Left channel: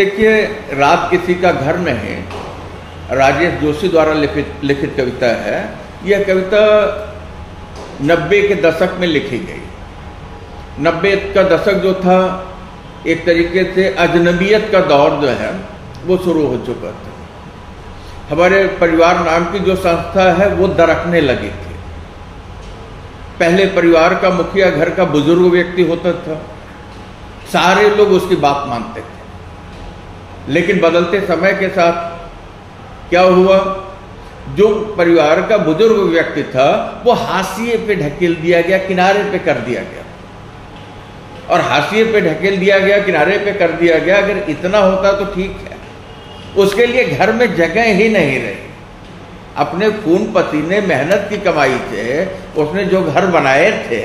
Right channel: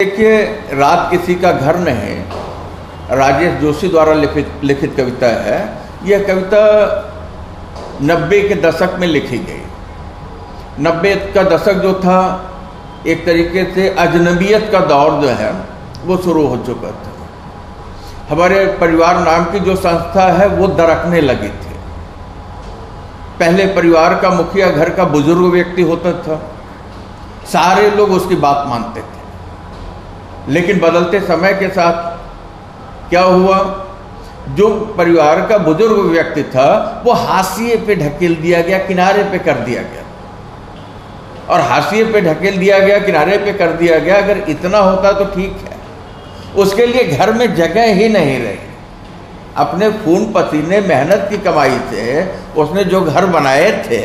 देखिए, रात किसी का घर नहीं राजेश जोशी द्वारा लिखित कविता है। यह कविता 90 के दशक में लिखी गई। 90 का दशक जो था, एक तरीके से अजनबियत का दौर जो है वो शुरू हो चुका था। हमारे परिवार नाम की जो संस्था है वो दरकने लगी थी। पहले परिवार का मुखिया घर का बुजुर्ग व्यक्ति होता था, सारे लोग उसकी बात मानते थे। लेकिन बदलते समय के साथ क्या हुआ, जो परिवार का बुजुर्ग व्यक्ति था वो हाशिए पे ढकेल दिया गया, किनारे पे कर दिया गया। और हाशिए पे ढकेल दिया गया, किनारे पे कर दिया गया, अगर इतना होता तो ठीक है। उसके लिए घर में जगह ही नहीं रही। अपने खून पसीने मेहनत की कमाई से उसने जो घर बनाए थे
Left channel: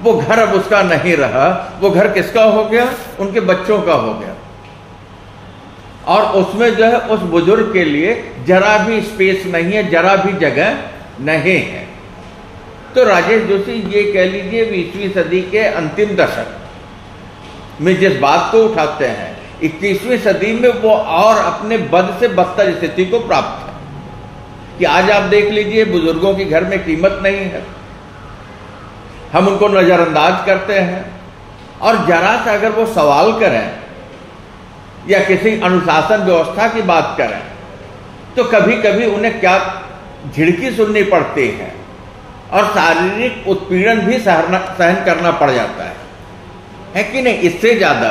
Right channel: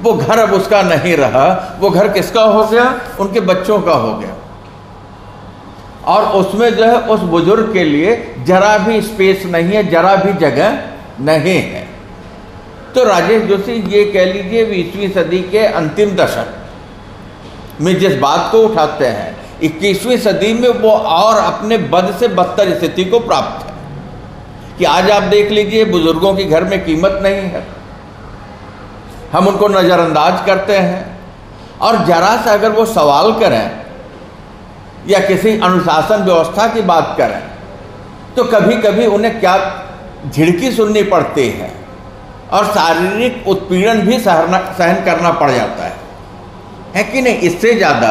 वो घर अब उसका नहीं रहा। वो घर किसका हो गया? उनके बच्चों का हो गया। और उसमें जो है उस बुजुर्ग के लिए जरा भी स्पेस नहीं है, जरा भी जगह नहीं है। तो राजेश जोशी ये कह लीजिए 20वीं सदी के अंतिम दशक में जिस बात को उठाते हैं, 21वीं सदी में वो और अपने बद से बदतर स्थिति को प्राप्त है कि आज आप देख लीजिए बुजुर्गों की घर में कीमत नहीं है, हम उनको नजरअंदाज करते हैं। और जरा सा अगर वो सवाल करें या किसी अनुशासन व्यवस्था की बात करें तो कभी कभी उन्हें क्या झिड़की सुननी पड़ती है और शारीरिक उत्पीड़न भी सहन करना पड़ जाता है कि नहीं? इससे ज्यादा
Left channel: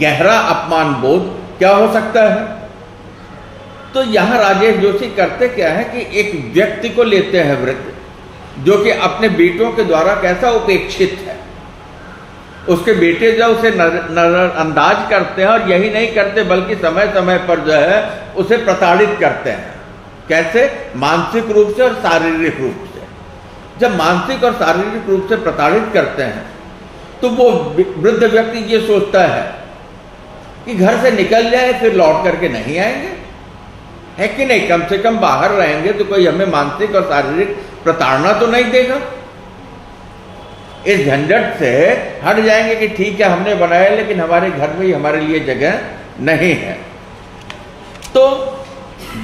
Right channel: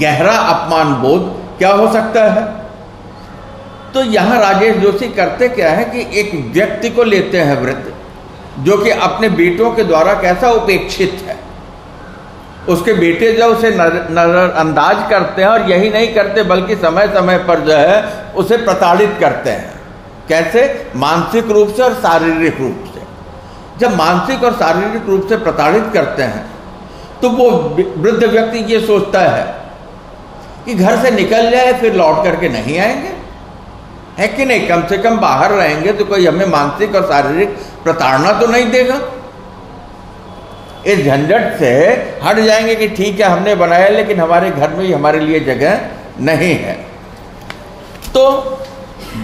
गहरा अपमान बोध क्या हो सकता है? तो यहां राजेश जोशी करते क्या है कि एक व्यक्ति को लेते हैं, वृद्ध जो कि अपने बेटों के द्वारा कैसा उपेक्षित है, उसके बेटे जो उसे नजरअंदाज करते हैं, और यही नहीं करते बल्कि समय समय पर जो है उसे प्रताड़ित करते हैं। कैसे? मानसिक रूप से और शारीरिक रूप से। जब मानसिक और शारीरिक रूप से प्रताड़ित करते हैं तो वो वृद्ध व्यक्ति ये सोचता है कि घर से निकल जाए फिर लौट करके नहीं आएंगे, है कि नहीं? कम से कम बाहर रहेंगे तो कोई हमें मानसिक और शारीरिक प्रताड़ना तो नहीं देगा। इस झंझट से हट जाएंगे कि ठीक है हमने बनाया लेकिन हमारे घर में ही हमारे लिए जगह नहीं है। तो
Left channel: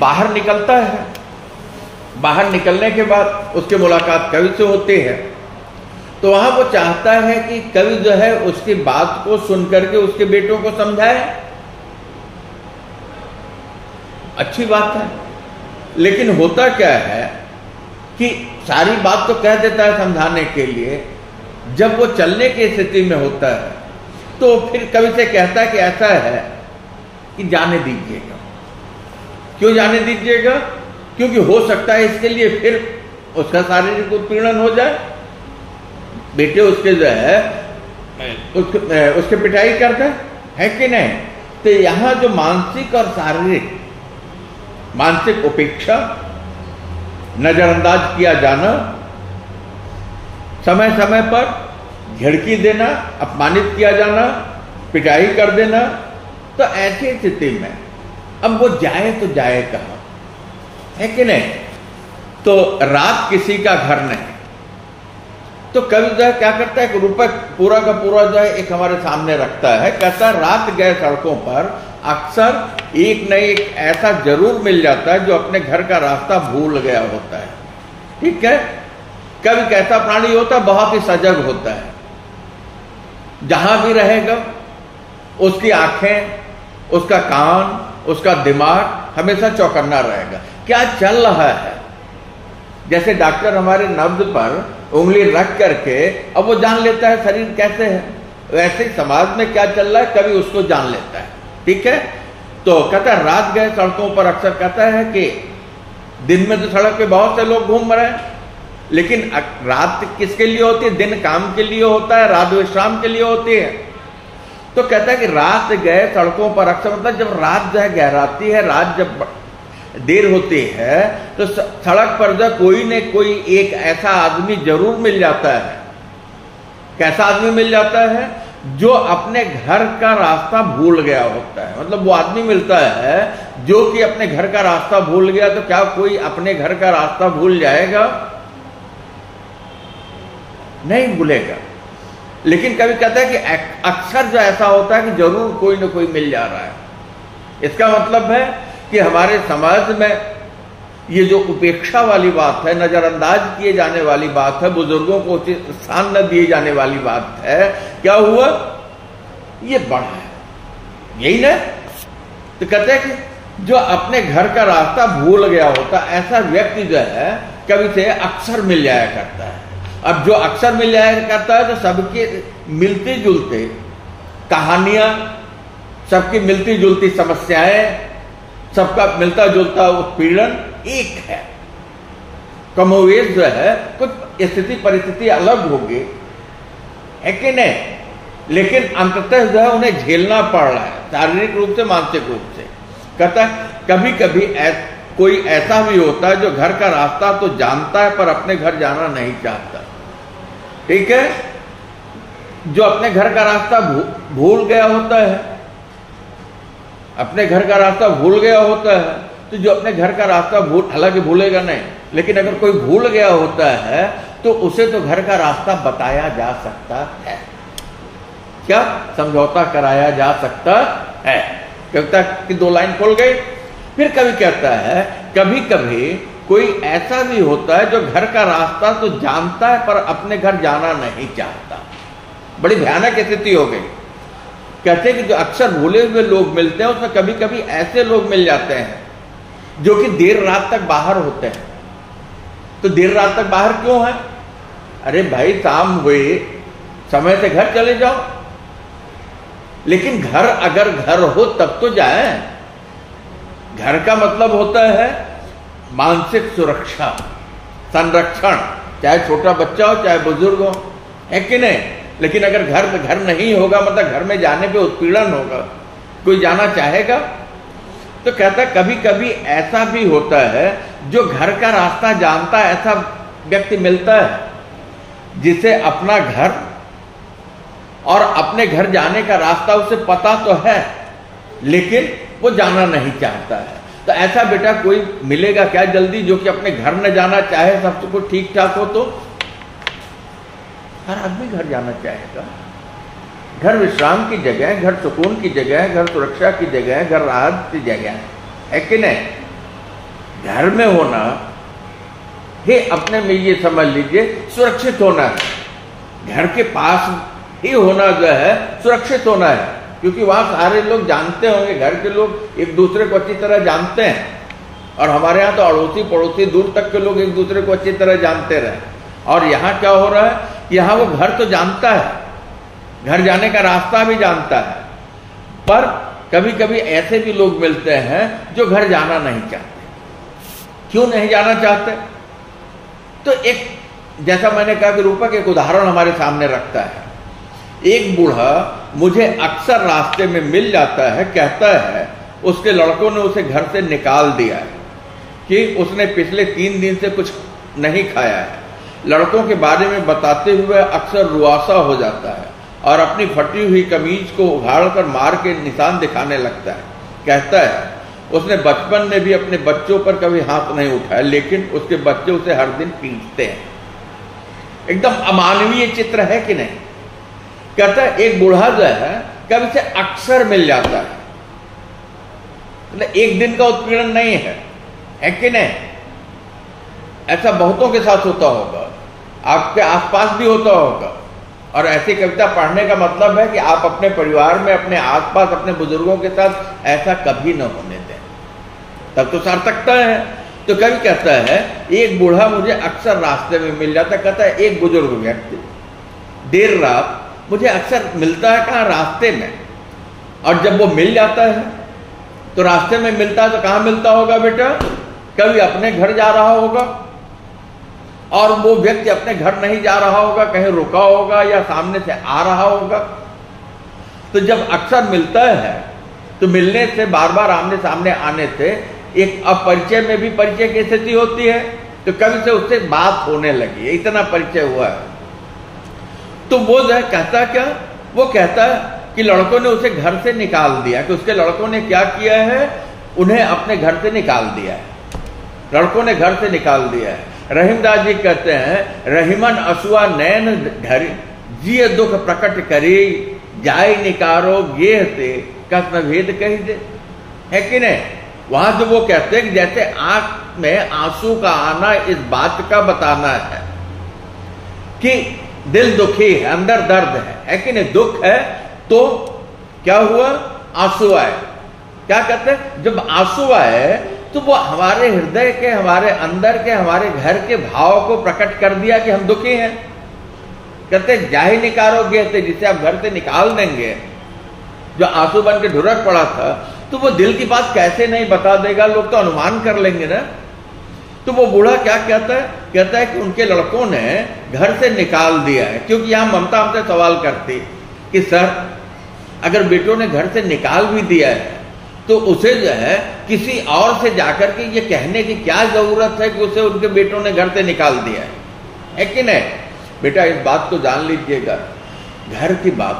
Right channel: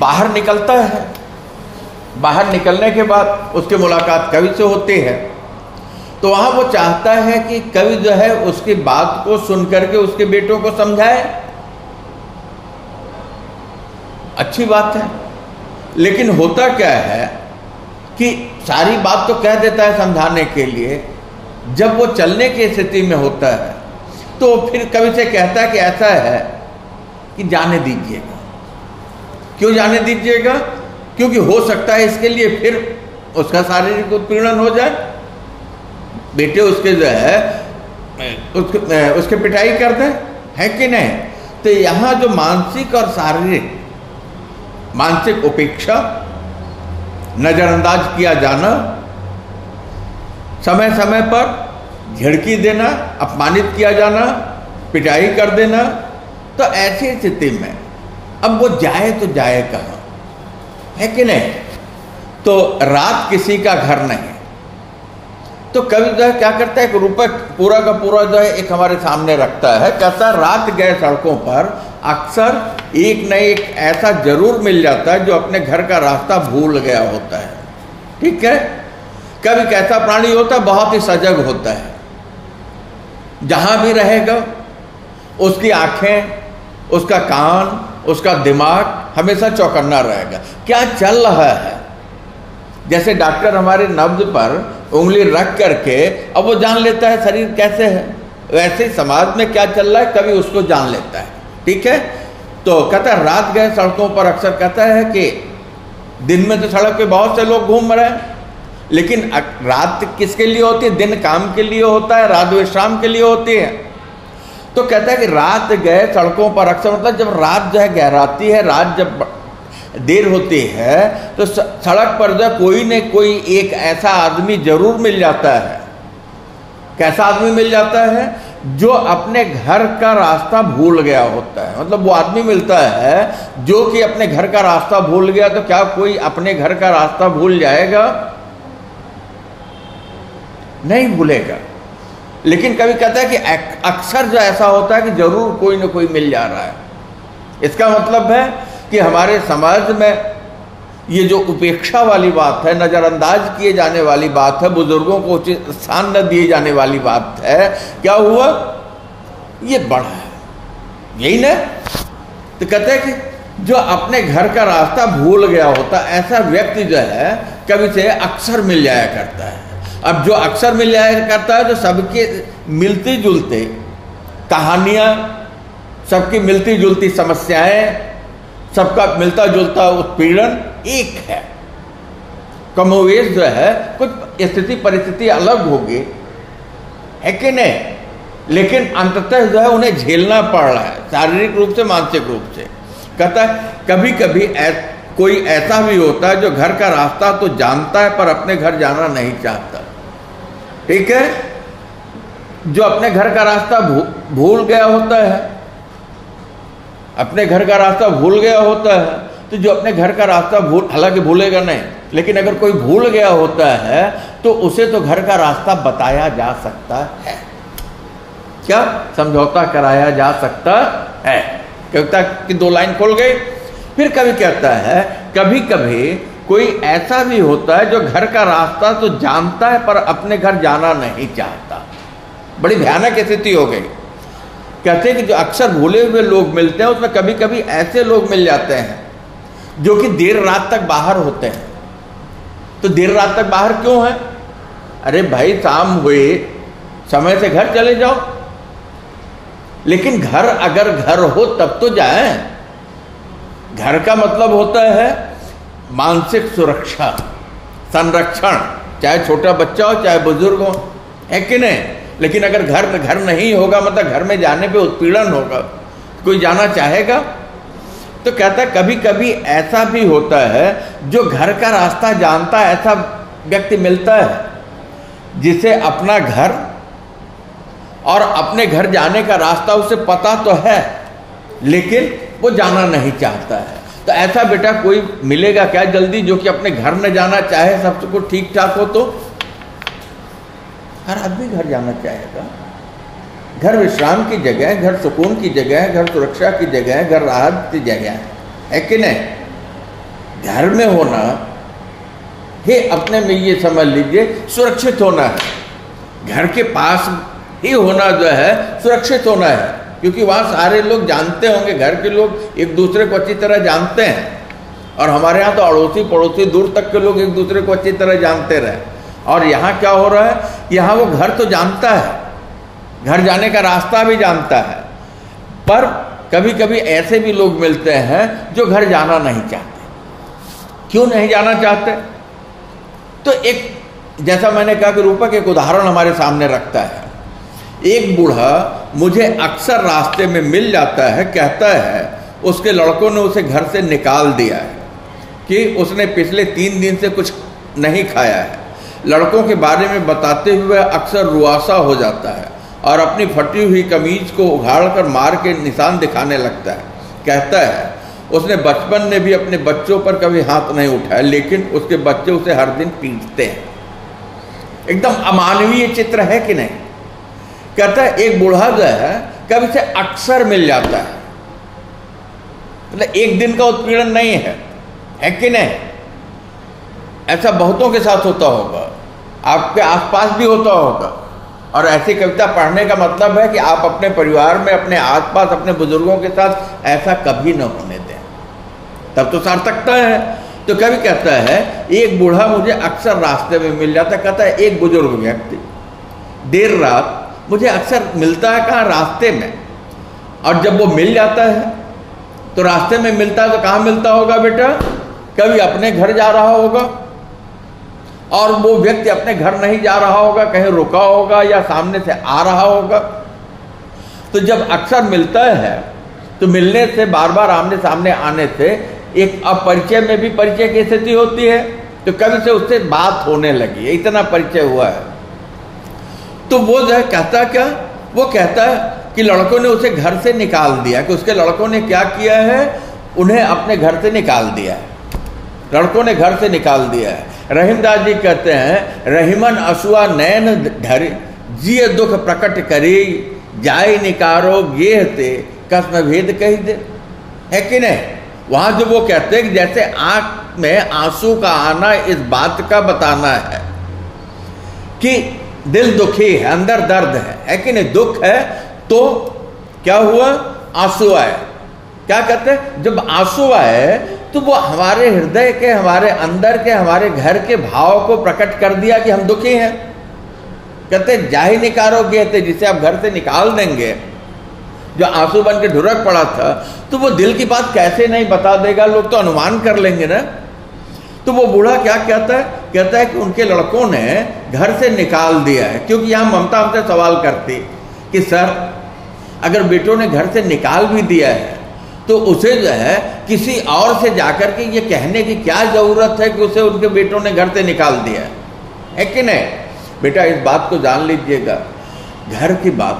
बाहर निकलता है। बाहर निकलने के बाद उसकी मुलाकात कवि से होती है। तो वहां वो चाहता है कि कवि जो है उसकी बात को सुन करके उसके बेटों को समझाए। अच्छी बात है, लेकिन होता क्या है कि सारी बात तो कह देता है समझाने के लिए, जब वो चलने की स्थिति में होता है तो फिर कवि से कहता है कि ऐसा है कि जाने दीजिएगा। क्यों जाने दीजिएगा? क्योंकि हो सकता है इसके लिए फिर उसका शारीरिक उत्पीड़न हो जाए, बेटे उसके जो है उसके पिटाई कर दे, है कि नहीं? तो यहां जो मानसिक और शारीरिक, मानसिक उपेक्षा, नजरअंदाज किया जाना, समय समय पर झिड़की देना, अपमानित किया जाना, पिटाई कर देना, तो ऐसी स्थिति में अब वो जाए तो जाए कहां, है कि नहीं? तो रात किसी का घर नहीं। तो कवि जो है क्या करता है, एक रूपक पूरा का पूरा जो है एक हमारे सामने रखता है। कहता है रात गए सड़कों पर अक्सर एक न एक ऐसा जरूर मिल जाता है जो अपने घर का रास्ता भूल गया होता है। ठीक है? कवि कैसा प्राणी होता है? बहुत ही सजग होता है। जहां भी रहेगा उसकी आंखें, उसका कान, उसका दिमाग हमेशा चौकन्ना रहेगा। क्या चल रहा है? जैसे डॉक्टर हमारे नब्ज पर उंगली रख करके अब वो जान लेता है शरीर कैसे है, वैसे ही समाज में क्या चल रहा है कवि उसको जान लेता है। ठीक है? तो कहता है रात गए सड़कों पर अक्सर, कहता है कि दिन में तो सड़क पे बहुत से लोग घूम रहे हैं, लेकिन रात किसके लिए होती है? दिन काम के लिए होता है, रात विश्राम के लिए होती है। तो कहता है कि रात गए सड़कों पर अक्सर, मतलब जब रात जो है गहराती है, रात जब देर होती है तो सड़क पर जो कोई न कोई एक ऐसा आदमी जरूर मिल जाता है। कैसा आदमी मिल जाता है? जो अपने घर का रास्ता भूल गया होता है। मतलब वो आदमी मिलता है जो कि अपने घर का रास्ता भूल गया। तो क्या कोई अपने घर का रास्ता भूल जाएगा? नहीं भूलेगा। लेकिन कभी कहता है कि अक्सर जो ऐसा होता है कि जरूर कोई ना कोई मिल जा रहा है। इसका मतलब है कि हमारे समाज में ये जो उपेक्षा वाली बात है, नजरअंदाज किए जाने वाली बात है, बुजुर्गों को उचित स्थान न दिए जाने वाली बात है, क्या हुआ, ये बढ़ा है। यही ना, तो कहते हैं कि जो अपने घर का रास्ता भूल गया होता, ऐसा व्यक्ति जो है कभी से अक्सर मिल जाया करता है। अब जो अक्सर मिल जाया करता है तो सबके मिलती जुलते कहानियां, सबकी मिलती जुलती समस्याएं, सबका मिलता जुलता उत्पीड़न एक है। कमोवेश जो है कुछ स्थिति परिस्थिति अलग होगी, है कि नहीं, लेकिन अंततः जो है उन्हें झेलना पड़ रहा है, शारीरिक रूप से, मानसिक रूप से। कहता है कभी कभी कोई ऐसा भी होता है जो घर का रास्ता तो जानता है पर अपने घर जाना नहीं चाहता। ठीक है, जो अपने घर का रास्ता भूल गया होता है, अपने घर का रास्ता भूल गया होता है, तो जो अपने घर का रास्ता हालांकि भूलेगा नहीं, लेकिन अगर कोई भूल गया होता है तो उसे तो घर का रास्ता बताया जा सकता है, क्या समझौता कराया जा सकता है। कविता की 2 लाइन खोल गई। फिर कभी कहता है कभी कभी कोई ऐसा भी होता है जो घर का रास्ता तो जानता है पर अपने घर जाना नहीं चाहता। बड़ी भयानक स्थिति हो गई। कहते हैं कि जो अक्सर भूले हुए लोग मिलते हैं उसमें कभी कभी ऐसे लोग मिल जाते हैं जो कि देर रात तक बाहर होते हैं। तो देर रात तक बाहर क्यों है? अरे भाई शाम हुए, समय से घर चले जाओ। लेकिन घर अगर घर हो तब तो जाएं। घर का मतलब होता है मानसिक सुरक्षा, संरक्षण, चाहे छोटा बच्चा हो चाहे बुजुर्ग हो, है कि नहीं। लेकिन अगर घर नहीं होगा, मतलब घर में जाने पे उत्पीड़न होगा, कोई जाना चाहेगा? तो कहता है कभी कभी ऐसा भी होता है जो घर का रास्ता जानता है, ऐसा व्यक्ति मिलता है जिसे अपना घर और अपने घर जाने का रास्ता उसे पता तो है लेकिन वो जाना नहीं चाहता है। तो ऐसा बेटा कोई मिलेगा क्या जल्दी जो कि अपने घर न जाना चाहे, सब कुछ ठीक ठाक हो तो? हर आदमी घर जाना चाहेगा। घर विश्राम की जगह है, घर सुकून की जगह है, घर सुरक्षा की जगह है, घर राहत की जगह है कि नहीं। घर में होना ही अपने में ये समझ लीजिए सुरक्षित होना है। घर के पास ही होना जो है सुरक्षित होना है, क्योंकि वहां सारे लोग जानते होंगे, घर के लोग एक दूसरे को अच्छी तरह जानते हैं। और हमारे यहाँ तो अड़ोसी पड़ोसी दूर तक के लोग एक दूसरे को अच्छी तरह जानते रहे। और यहाँ क्या हो रहा है, यहाँ वो घर तो जानता है, घर जाने का रास्ता भी जानता है, पर कभी कभी ऐसे भी लोग मिलते हैं जो घर जाना नहीं चाहते। क्यों नहीं जाना चाहते? तो एक, जैसा मैंने कहा कि रूपक एक उदाहरण हमारे सामने रखता है। एक बूढ़ा मुझे अक्सर रास्ते में मिल जाता है, कहता है उसके लड़कों ने उसे घर से निकाल दिया है कि उसने पिछले 3 दिन से कुछ नहीं खाया है। लड़कों के बारे में बताते हुए अक्सर रुआसा हो जाता है और अपनी फटी हुई कमीज को उघाड़कर मार के निशान दिखाने लगता है। कहता है उसने बचपन में भी अपने बच्चों पर कभी हाथ नहीं उठाया, लेकिन उसके बच्चे उसे हर दिन पीटते हैं। एकदम अमानवीय चित्र है कि नहीं। कहता है एक बूढ़ा जो है कभी से अक्सर मिल जाता है, मतलब एक दिन का उत्पीड़न नहीं है कि नहीं। ऐसा बहुतों के साथ होता होगा, आपके आसपास भी होता होगा। और ऐसी कविता पढ़ने का मतलब है कि आप अपने परिवार में, अपने आसपास, अपने बुजुर्गों के साथ ऐसा कभी न होने दें, तब तो सार्थकता है। तो कभी कहता है एक बूढ़ा मुझे अक्सर रास्ते में मिल जाता। कहता है एक बुजुर्ग व्यक्ति देर रात मुझे अक्सर मिलता है, कहाँ, रास्ते में। और जब वो मिल जाता है तो रास्ते में मिलता है तो कहाँ मिलता होगा बेटा? कभी अपने घर जा रहा होगा, और वो व्यक्ति अपने घर नहीं जा रहा होगा, कहीं रुका होगा या सामने से आ रहा होगा। तो जब अक्सर मिलता है तो मिलने से, बार बार आमने सामने आने से एक अपरिचय में भी परिचय की स्थिति होती है। तो कभी से उससे बात होने लगी है, इतना परिचय हुआ है। तो वो जो है कहता क्या, वो कहता है कि लड़कों ने उसे घर से निकाल दिया। कि उसके लड़कों ने क्या किया है, उन्हें अपने घर से निकाल दिया है। लड़कों ने घर से निकाल दिया है। रहीमदास जी कहते हैं रहीमन असुआ नैन जिय दुख प्रकट करे, जाय निकारो गेह ते कसम भेद कही दे। है कि नहीं? वहां जो वो कहते हैं कि जैसे आंख में आंसू का आना इस बात का बताना है कि दिल दुखी है, अंदर दर्द है कि नहीं? दुख है तो क्या हुआ? आंसू आए। क्या कहते हैं? जब आंसू आए तो वो हमारे हृदय के, हमारे अंदर के, हमारे घर के भाव को प्रकट कर दिया कि हम दुखी हैं। कहते जाहि निकारोगे, जिसे आप घर से निकाल देंगे, जो आंसू बन के ढुरक पड़ा था, तो वो दिल की बात कैसे नहीं बता देगा? लोग तो अनुमान कर लेंगे ना। तो वो बूढ़ा क्या कहता है? कहता है कि उनके लड़कों ने घर से निकाल दिया है। क्योंकि यहां ममता हमसे सवाल करती कि सर अगर बेटों ने घर से निकाल भी दिया है तो उसे जो है किसी और से जाकर के ये कहने की क्या जरूरत है कि उसे उनके बेटों ने घर से निकाल दिया है कि नहीं? बेटा इस बात को जान लीजिएगा, घर की बात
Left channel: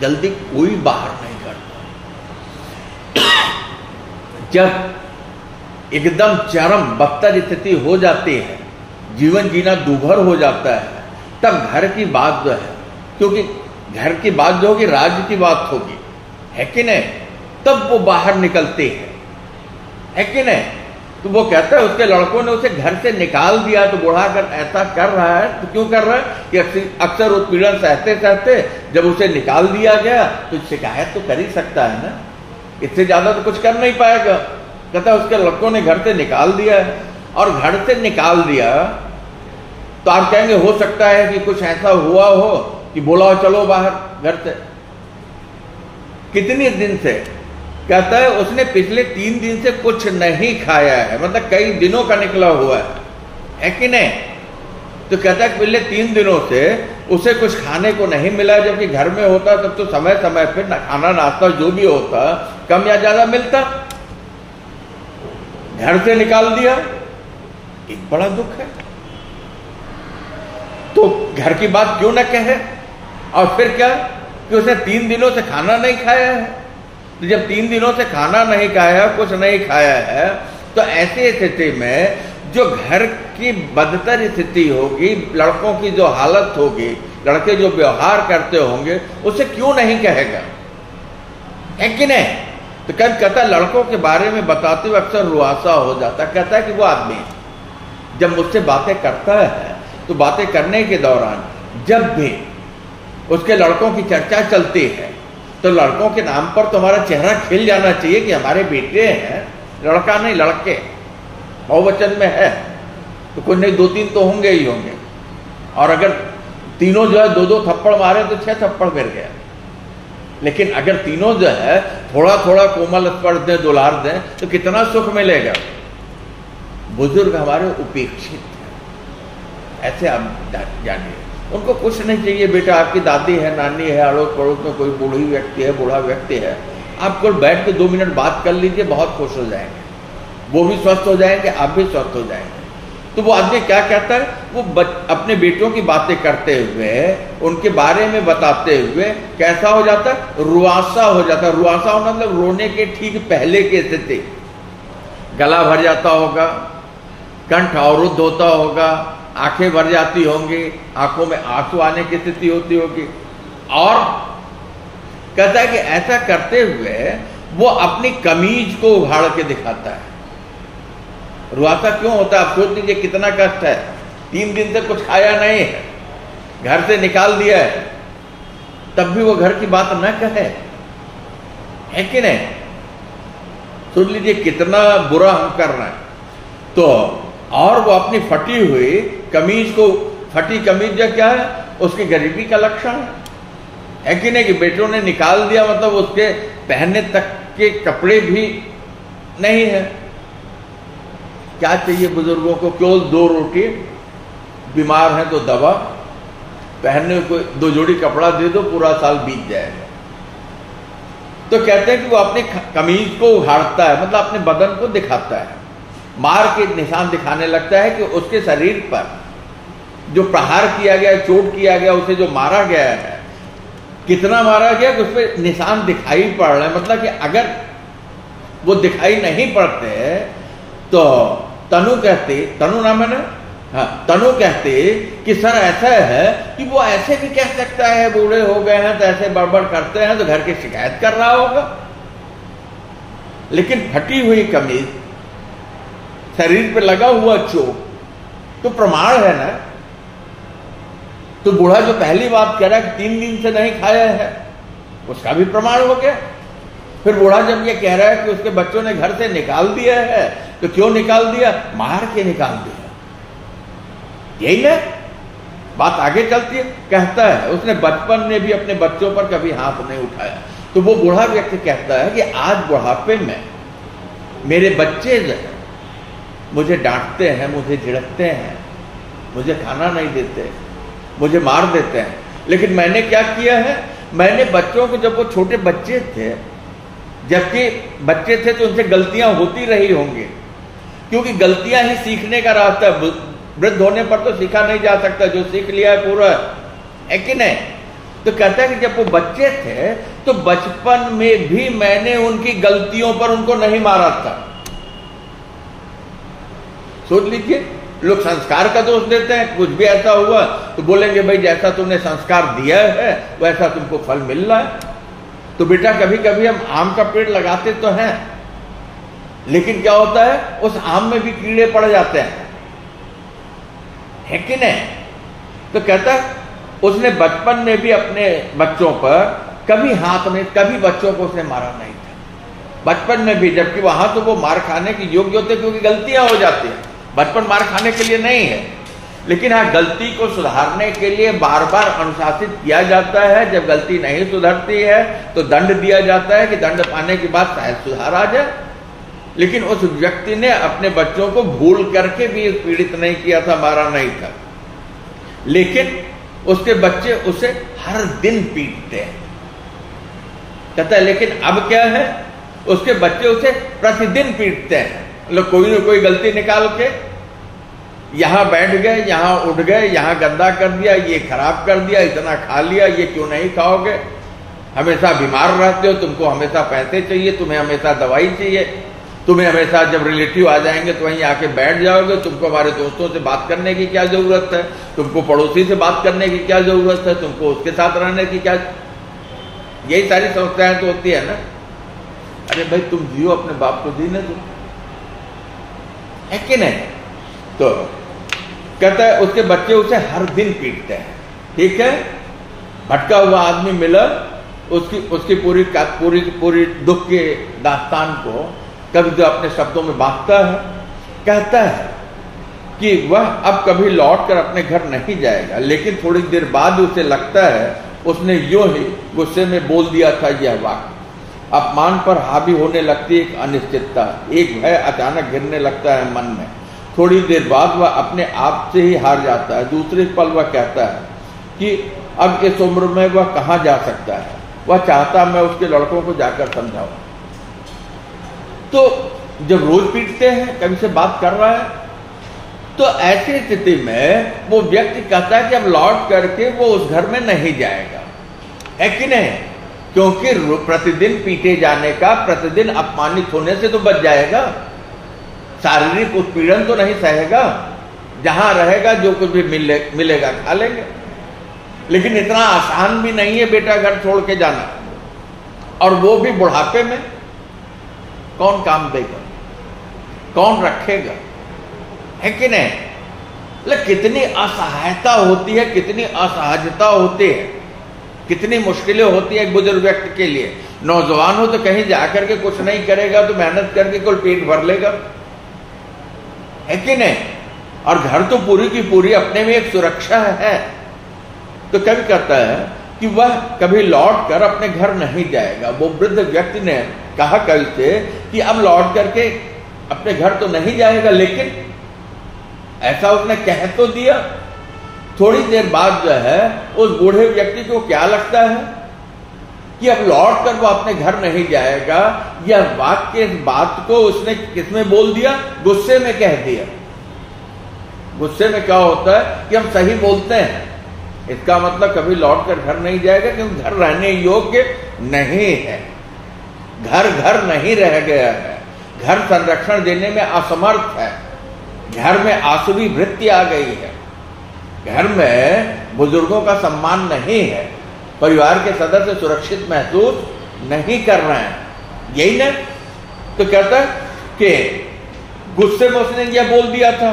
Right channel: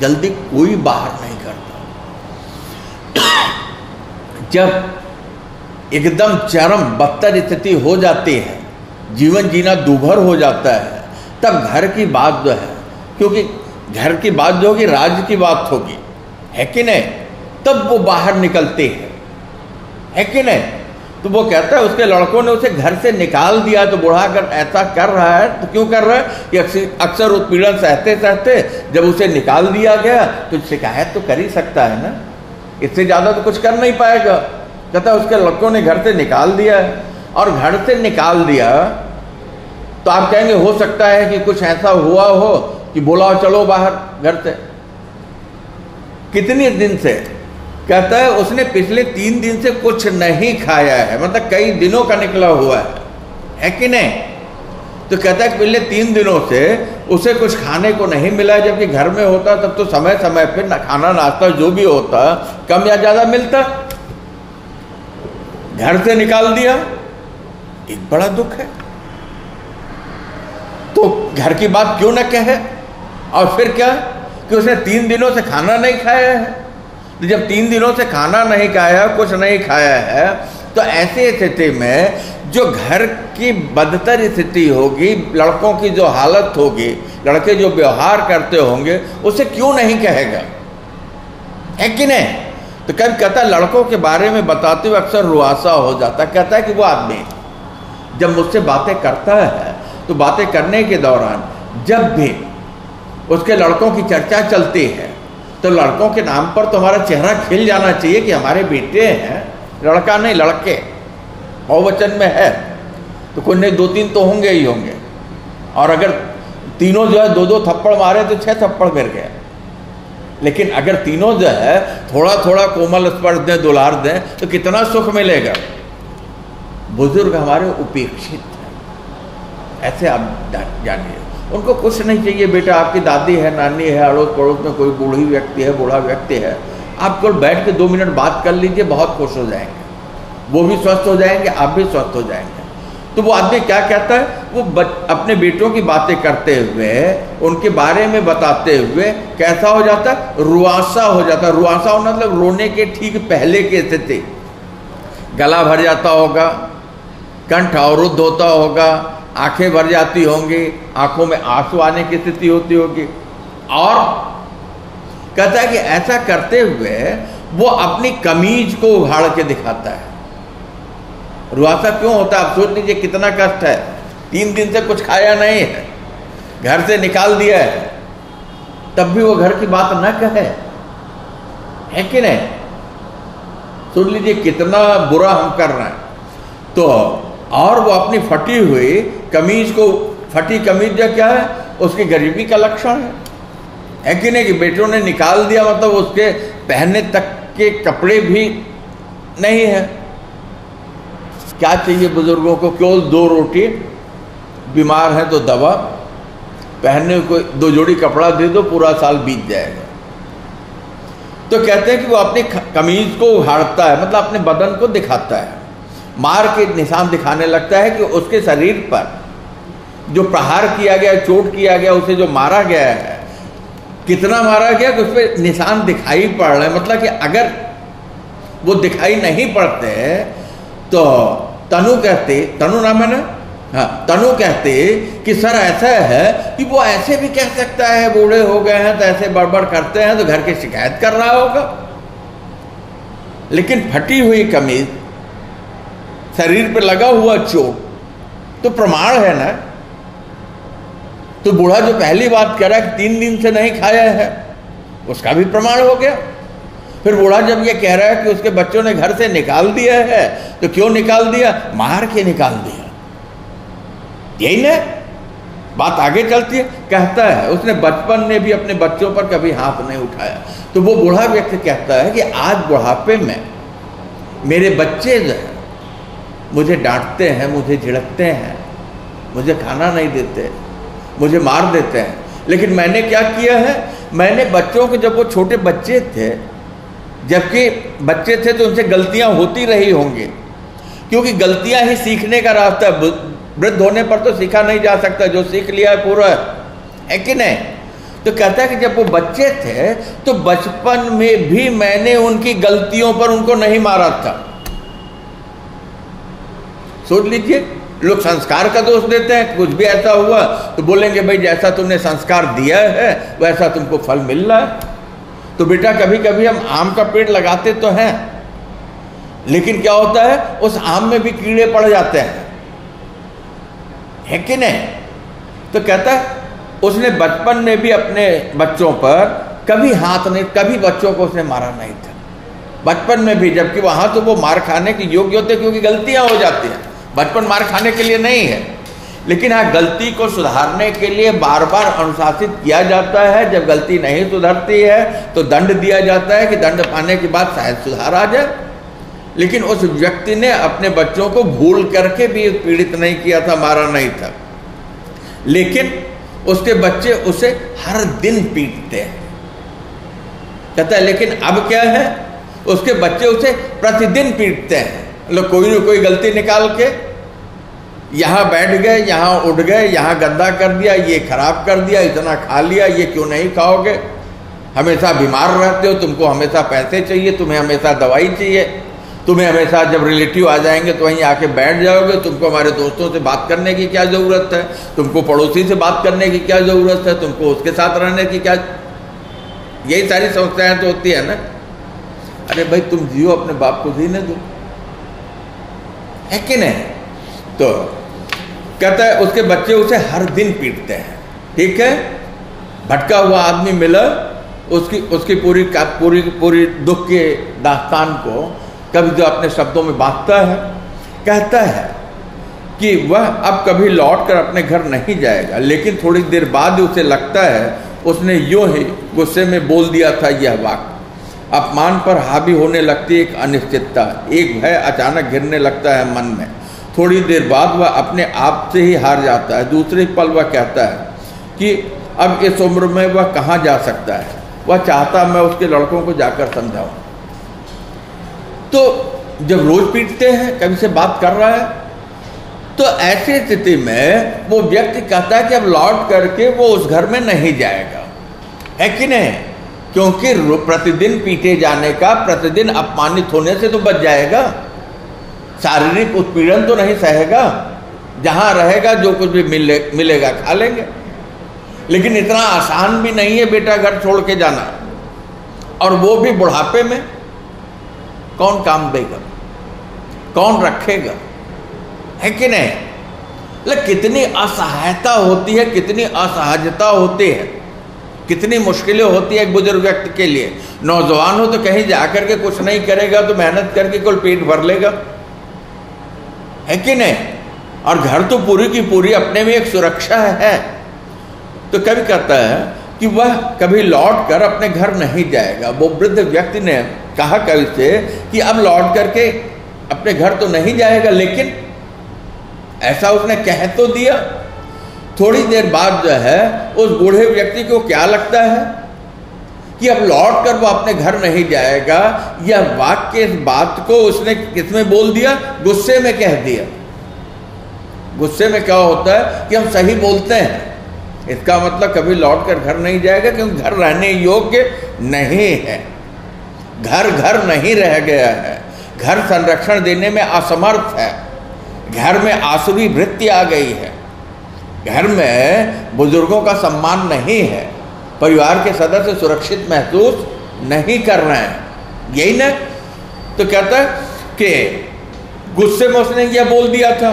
जल्दी कोई बाहर नहीं करता। जब एकदम चरम बदतर स्थिति हो जाती है, जीवन जीना दूभर हो जाता है, तब घर की बात जो है, क्योंकि घर की बात जो होगी राज्य की बात होगी, है कि नहीं? तब वो बाहर निकलते हैं, है कि नहीं? तो वो कहता है उसके लड़कों ने उसे घर से निकाल दिया। तो बूढ़ा अगर ऐसा कर रहा है तो क्यों कर रहा है? कि अक्सर उत्पीड़न सहते सहते जब उसे निकाल दिया गया तो शिकायत तो कर ही सकता है ना, इससे ज्यादा तो कुछ कर नहीं पाएगा। कहता उसके लड़कों ने घर से निकाल दिया है, और घर से निकाल दिया तो आप कहेंगे हो सकता है कि कुछ ऐसा हुआ हो कि बोला चलो बाहर घर से। कितने दिन से? कहता है उसने पिछले 3 दिन से कुछ नहीं खाया है, मतलब कई दिनों का निकला हुआ है कि नहीं? तो कहता है पिछले 3 दिनों से उसे कुछ खाने को नहीं मिला, जबकि घर में होता तब तो समय समय पर खाना नाश्ता जो भी होता कम या ज्यादा मिलता। घर से निकाल दिया, एक बड़ा दुख है। तो घर की बात क्यों न कहे? और फिर क्या कि उसने 3 दिनों से खाना नहीं खाया है। तो जब 3 दिनों से खाना नहीं खाया, कुछ नहीं खाया है, तो ऐसी स्थिति में जो घर की बदतर स्थिति होगी, लड़कों की जो हालत होगी, लड़के जो व्यवहार करते होंगे, उसे क्यों नहीं कहेगा? है कि नहीं? तो कहता लड़कों के बारे में बताते हुए अक्सर रुआसा हो जाता। कहता है कि वो आदमी जब मुझसे बातें करता है तो बातें करने के दौरान जब भी उसके लड़कों की चर्चा चलती है तो लड़कों के नाम पर तुम्हारा चेहरा खिल जाना चाहिए कि हमारे बेटे हैं, लड़का नहीं लड़के, बहुवचन में है तो कोई नहीं 2-3 तो होंगे ही होंगे। और अगर तीनों जो है 2-2 थप्पड़ मारे तो 6 थप्पड़ गिर गया। लेकिन अगर तीनों जो है थोड़ा थोड़ा कोमल स्पर्श दें, दुलार दें, तो कितना सुख मिलेगा। बुजुर्ग हमारे उपेक्षित हैं, ऐसे आप जानिए। उनको कुछ नहीं चाहिए, बेटा आपकी दादी है, नानी है, अड़ोस पड़ोस में कोई बूढ़ी व्यक्ति है, बूढ़ा व्यक्ति है, आप केवल बैठ के 2 मिनट बात कर लीजिए, बहुत खुश हो जाएंगे। वो भी स्वस्थ हो जाएंगे, आप भी स्वस्थ हो जाएंगे। तो वो आदमी क्या कहता है? वो अपने बेटों की बातें करते हुए, उनके बारे में बताते हुए कैसा हो जाता है? रुआसा हो जाता है। रुआसा होना मतलब रोने के ठीक पहले की स्थिति। गला भर जाता होगा, कंठ अवरुद्ध होता होगा, आंखें भर जाती होंगी, आंखों में आंसू आने की स्थिति होती होगी। और कहता है कि ऐसा करते हुए वो अपनी कमीज को उघाड़ के दिखाता है। रुआसा क्यों होता है? आप सोच लीजिए कितना कष्ट है। 3 दिन से कुछ खाया नहीं है, घर से निकाल दिया है, तब भी वो घर की बात न कहे, है कि नहीं? सुन लीजिए कितना बुरा हम कर रहे हैं। तो और वो अपनी फटी हुई कमीज को, फटी कमीज जो क्या है? उसकी गरीबी का लक्षण है कि नहीं? कि बेटों ने निकाल दिया मतलब उसके पहनने तक के कपड़े भी नहीं है। क्या चाहिए बुजुर्गों को? केवल 2 रोटी, बीमार है तो दवा, पहनने को 2 जोड़ी कपड़ा दे दो, पूरा साल बीत जाएगा। तो कहते हैं कि वो अपनी कमीज को उघाड़ता है, मतलब अपने बदन को दिखाता है, मार के निशान दिखाने लगता है कि उसके शरीर पर जो प्रहार किया गया, चोट किया गया, उसे जो मारा गया है, कितना मारा गया कि उस पर निशान दिखाई पड़ रहे हैं। मतलब कि अगर वो दिखाई नहीं पड़ते तो तनु कहते, तनु नाम है ना, हाँ, तनु कहते कि सर ऐसा है कि वो ऐसे भी कह सकता है, बूढ़े हो गए हैं तो ऐसे बड़बड़ करते हैं तो घर की शिकायत कर रहा होगा। लेकिन फटी हुई कमीज, शरीर पे लगा हुआ चोट तो प्रमाण है ना। तो बूढ़ा जो पहली बात कह रहा है कि 3 दिन से नहीं खाया है, उसका भी प्रमाण हो गया। फिर बूढ़ा जब ये कह रहा है कि उसके बच्चों ने घर से निकाल दिया है, तो क्यों निकाल दिया? मार के निकाल दिया। यही ना बात आगे चलती है। कहता है उसने बचपन में भी अपने बच्चों पर कभी हाथ नहीं उठाया। तो वो बूढ़ा व्यक्ति कहता है कि आज बुढ़ापे में मेरे बच्चे जो है मुझे डांटते हैं, मुझे झिड़कते हैं, मुझे खाना नहीं देते, मुझे मार देते हैं। लेकिन मैंने क्या किया है, मैंने बच्चों को, जब वो छोटे बच्चे थे, जबकि बच्चे थे तो उनसे गलतियां होती रही होंगी, क्योंकि गलतियां ही सीखने का रास्ता है। वृद्ध होने पर तो सीखा नहीं जा सकता, जो सीख लिया है पूरा है कि नहीं। तो कहता है कि जब वो बच्चे थे तो बचपन में भी मैंने उनकी गलतियों पर उनको नहीं मारा था। सोच लीजिए, लोग संस्कार का दोष देते हैं, कुछ भी ऐसा हुआ तो बोलेंगे भाई जैसा तुमने संस्कार दिया है वैसा तुमको फल मिल रहा है। तो बेटा कभी कभी हम आम का पेड़ लगाते तो हैं, लेकिन क्या होता है उस आम में भी कीड़े पड़ जाते हैं, है कि नहीं। तो कहता है उसने बचपन में भी अपने बच्चों पर कभी हाथ नहीं, कभी बच्चों को उसने मारा नहीं था बचपन में भी, जबकि वहां तो वो मार खाने की योग्य होते, क्योंकि गलतियां हो जाती हैं। बचपन मार खाने के लिए नहीं है, लेकिन हाँ गलती को सुधारने के लिए बार बार अनुशासित किया जाता है। जब गलती नहीं सुधरती है तो दंड दिया जाता है कि दंड पाने के बाद शायद सुधार आ जाए। लेकिन उस व्यक्ति ने अपने बच्चों को भूल करके भी पीड़ित नहीं किया था, मारा नहीं था, लेकिन उसके बच्चे उसे हर दिन पीटते हैं। कहता है लेकिन अब क्या है, उसके बच्चे उसे प्रतिदिन पीटते हैं। मतलब कोई न कोई गलती निकाल के यहां बैठ गए, यहां उठ गए, यहां गंदा कर दिया, ये खराब कर दिया, इतना खा लिया, ये क्यों नहीं खाओगे, हमेशा बीमार रहते हो, तुमको हमेशा पैसे चाहिए, तुम्हें हमेशा दवाई चाहिए, तुम्हें हमेशा जब रिलेटिव आ जाएंगे तो वहीं आके बैठ जाओगे, तुमको हमारे दोस्तों से बात करने की क्या जरूरत है, तुमको पड़ोसी से बात करने की क्या जरूरत है, तुमको उसके साथ रहने की क्या, यही सारी समस्याएं तो होती है ना। अरे भाई तुम जियो, अपने बाप को जीने दो, है कि नहीं। तो कहता है उसके बच्चे उसे हर दिन पीटते हैं। ठीक है, भटका हुआ आदमी मिला, उसकी पूरी दुख के दास्तान को कभी जो अपने शब्दों में बांटता है। कहता है कि वह अब कभी लौट कर अपने घर नहीं जाएगा, लेकिन थोड़ी देर बाद उसे लगता है उसने यूं ही गुस्से में बोल दिया था यह वाक्य। अपमान पर हावी होने लगती एक अनिश्चितता, एक भय अचानक घिरने लगता है मन में। थोड़ी देर बाद वह अपने आप से ही हार जाता है। दूसरे पल वह कहता है कि अब इस उम्र में वह कहाँ जा सकता है, वह चाहता मैं उसके लड़कों को जाकर समझाऊं। तो जब रोज पीटते हैं, कभी से बात कर रहा है, तो ऐसी स्थिति में वो व्यक्ति कहता है कि अब लौट करके वो उस घर में नहीं जाएगा, है कि नहीं, क्योंकि प्रतिदिन पीटे जाने का, प्रतिदिन अपमानित होने से तो बच जाएगा, शारीरिक उत्पीड़न तो नहीं सहेगा, जहां रहेगा जो कुछ भी मिलेगा खा लेंगे। लेकिन इतना आसान भी नहीं है बेटा घर छोड़ के जाना, और वो भी बुढ़ापे में। कौन काम देगा, कौन रखेगा, है कि नहीं। मतलब कितनी असहायता होती है, कितनी असहजता होती है, कितनी मुश्किलें होती है एक बुजुर्ग व्यक्ति के लिए। नौजवान हो तो कहीं जाकर के कुछ नहीं करेगा तो मेहनत करके कुल पेट भर लेगा, है कि नहीं। और घर तो पूरी की पूरी अपने में एक सुरक्षा है। तो कभी कहता है कि वह कभी लौट कर अपने घर नहीं जाएगा। वो वृद्ध व्यक्ति ने कहा कल से कि अब लौट करके अपने घर तो नहीं जाएगा, लेकिन ऐसा उसने कह तो दिया। थोड़ी देर बाद जो है उस बूढ़े व्यक्ति को क्या लगता है कि अब लौट कर वो अपने घर नहीं जाएगा। यह वाक्य, इस बात को उसने किसमें बोल दिया, गुस्से में कह दिया। गुस्से में क्या होता है कि हम सही बोलते हैं, इसका मतलब कभी लौट कर घर नहीं जाएगा, क्योंकि घर रहने योग्य नहीं है, घर घर नहीं रह गया है, घर संरक्षण देने में असमर्थ है, घर में आसुरी वृत्ति आ गई है, घर में बुजुर्गों का सम्मान नहीं है, परिवार के सदस्य सुरक्षित महसूस नहीं कर रहे हैं, यही ना। तो कहता है कि गुस्से में उसने यह बोल दिया था।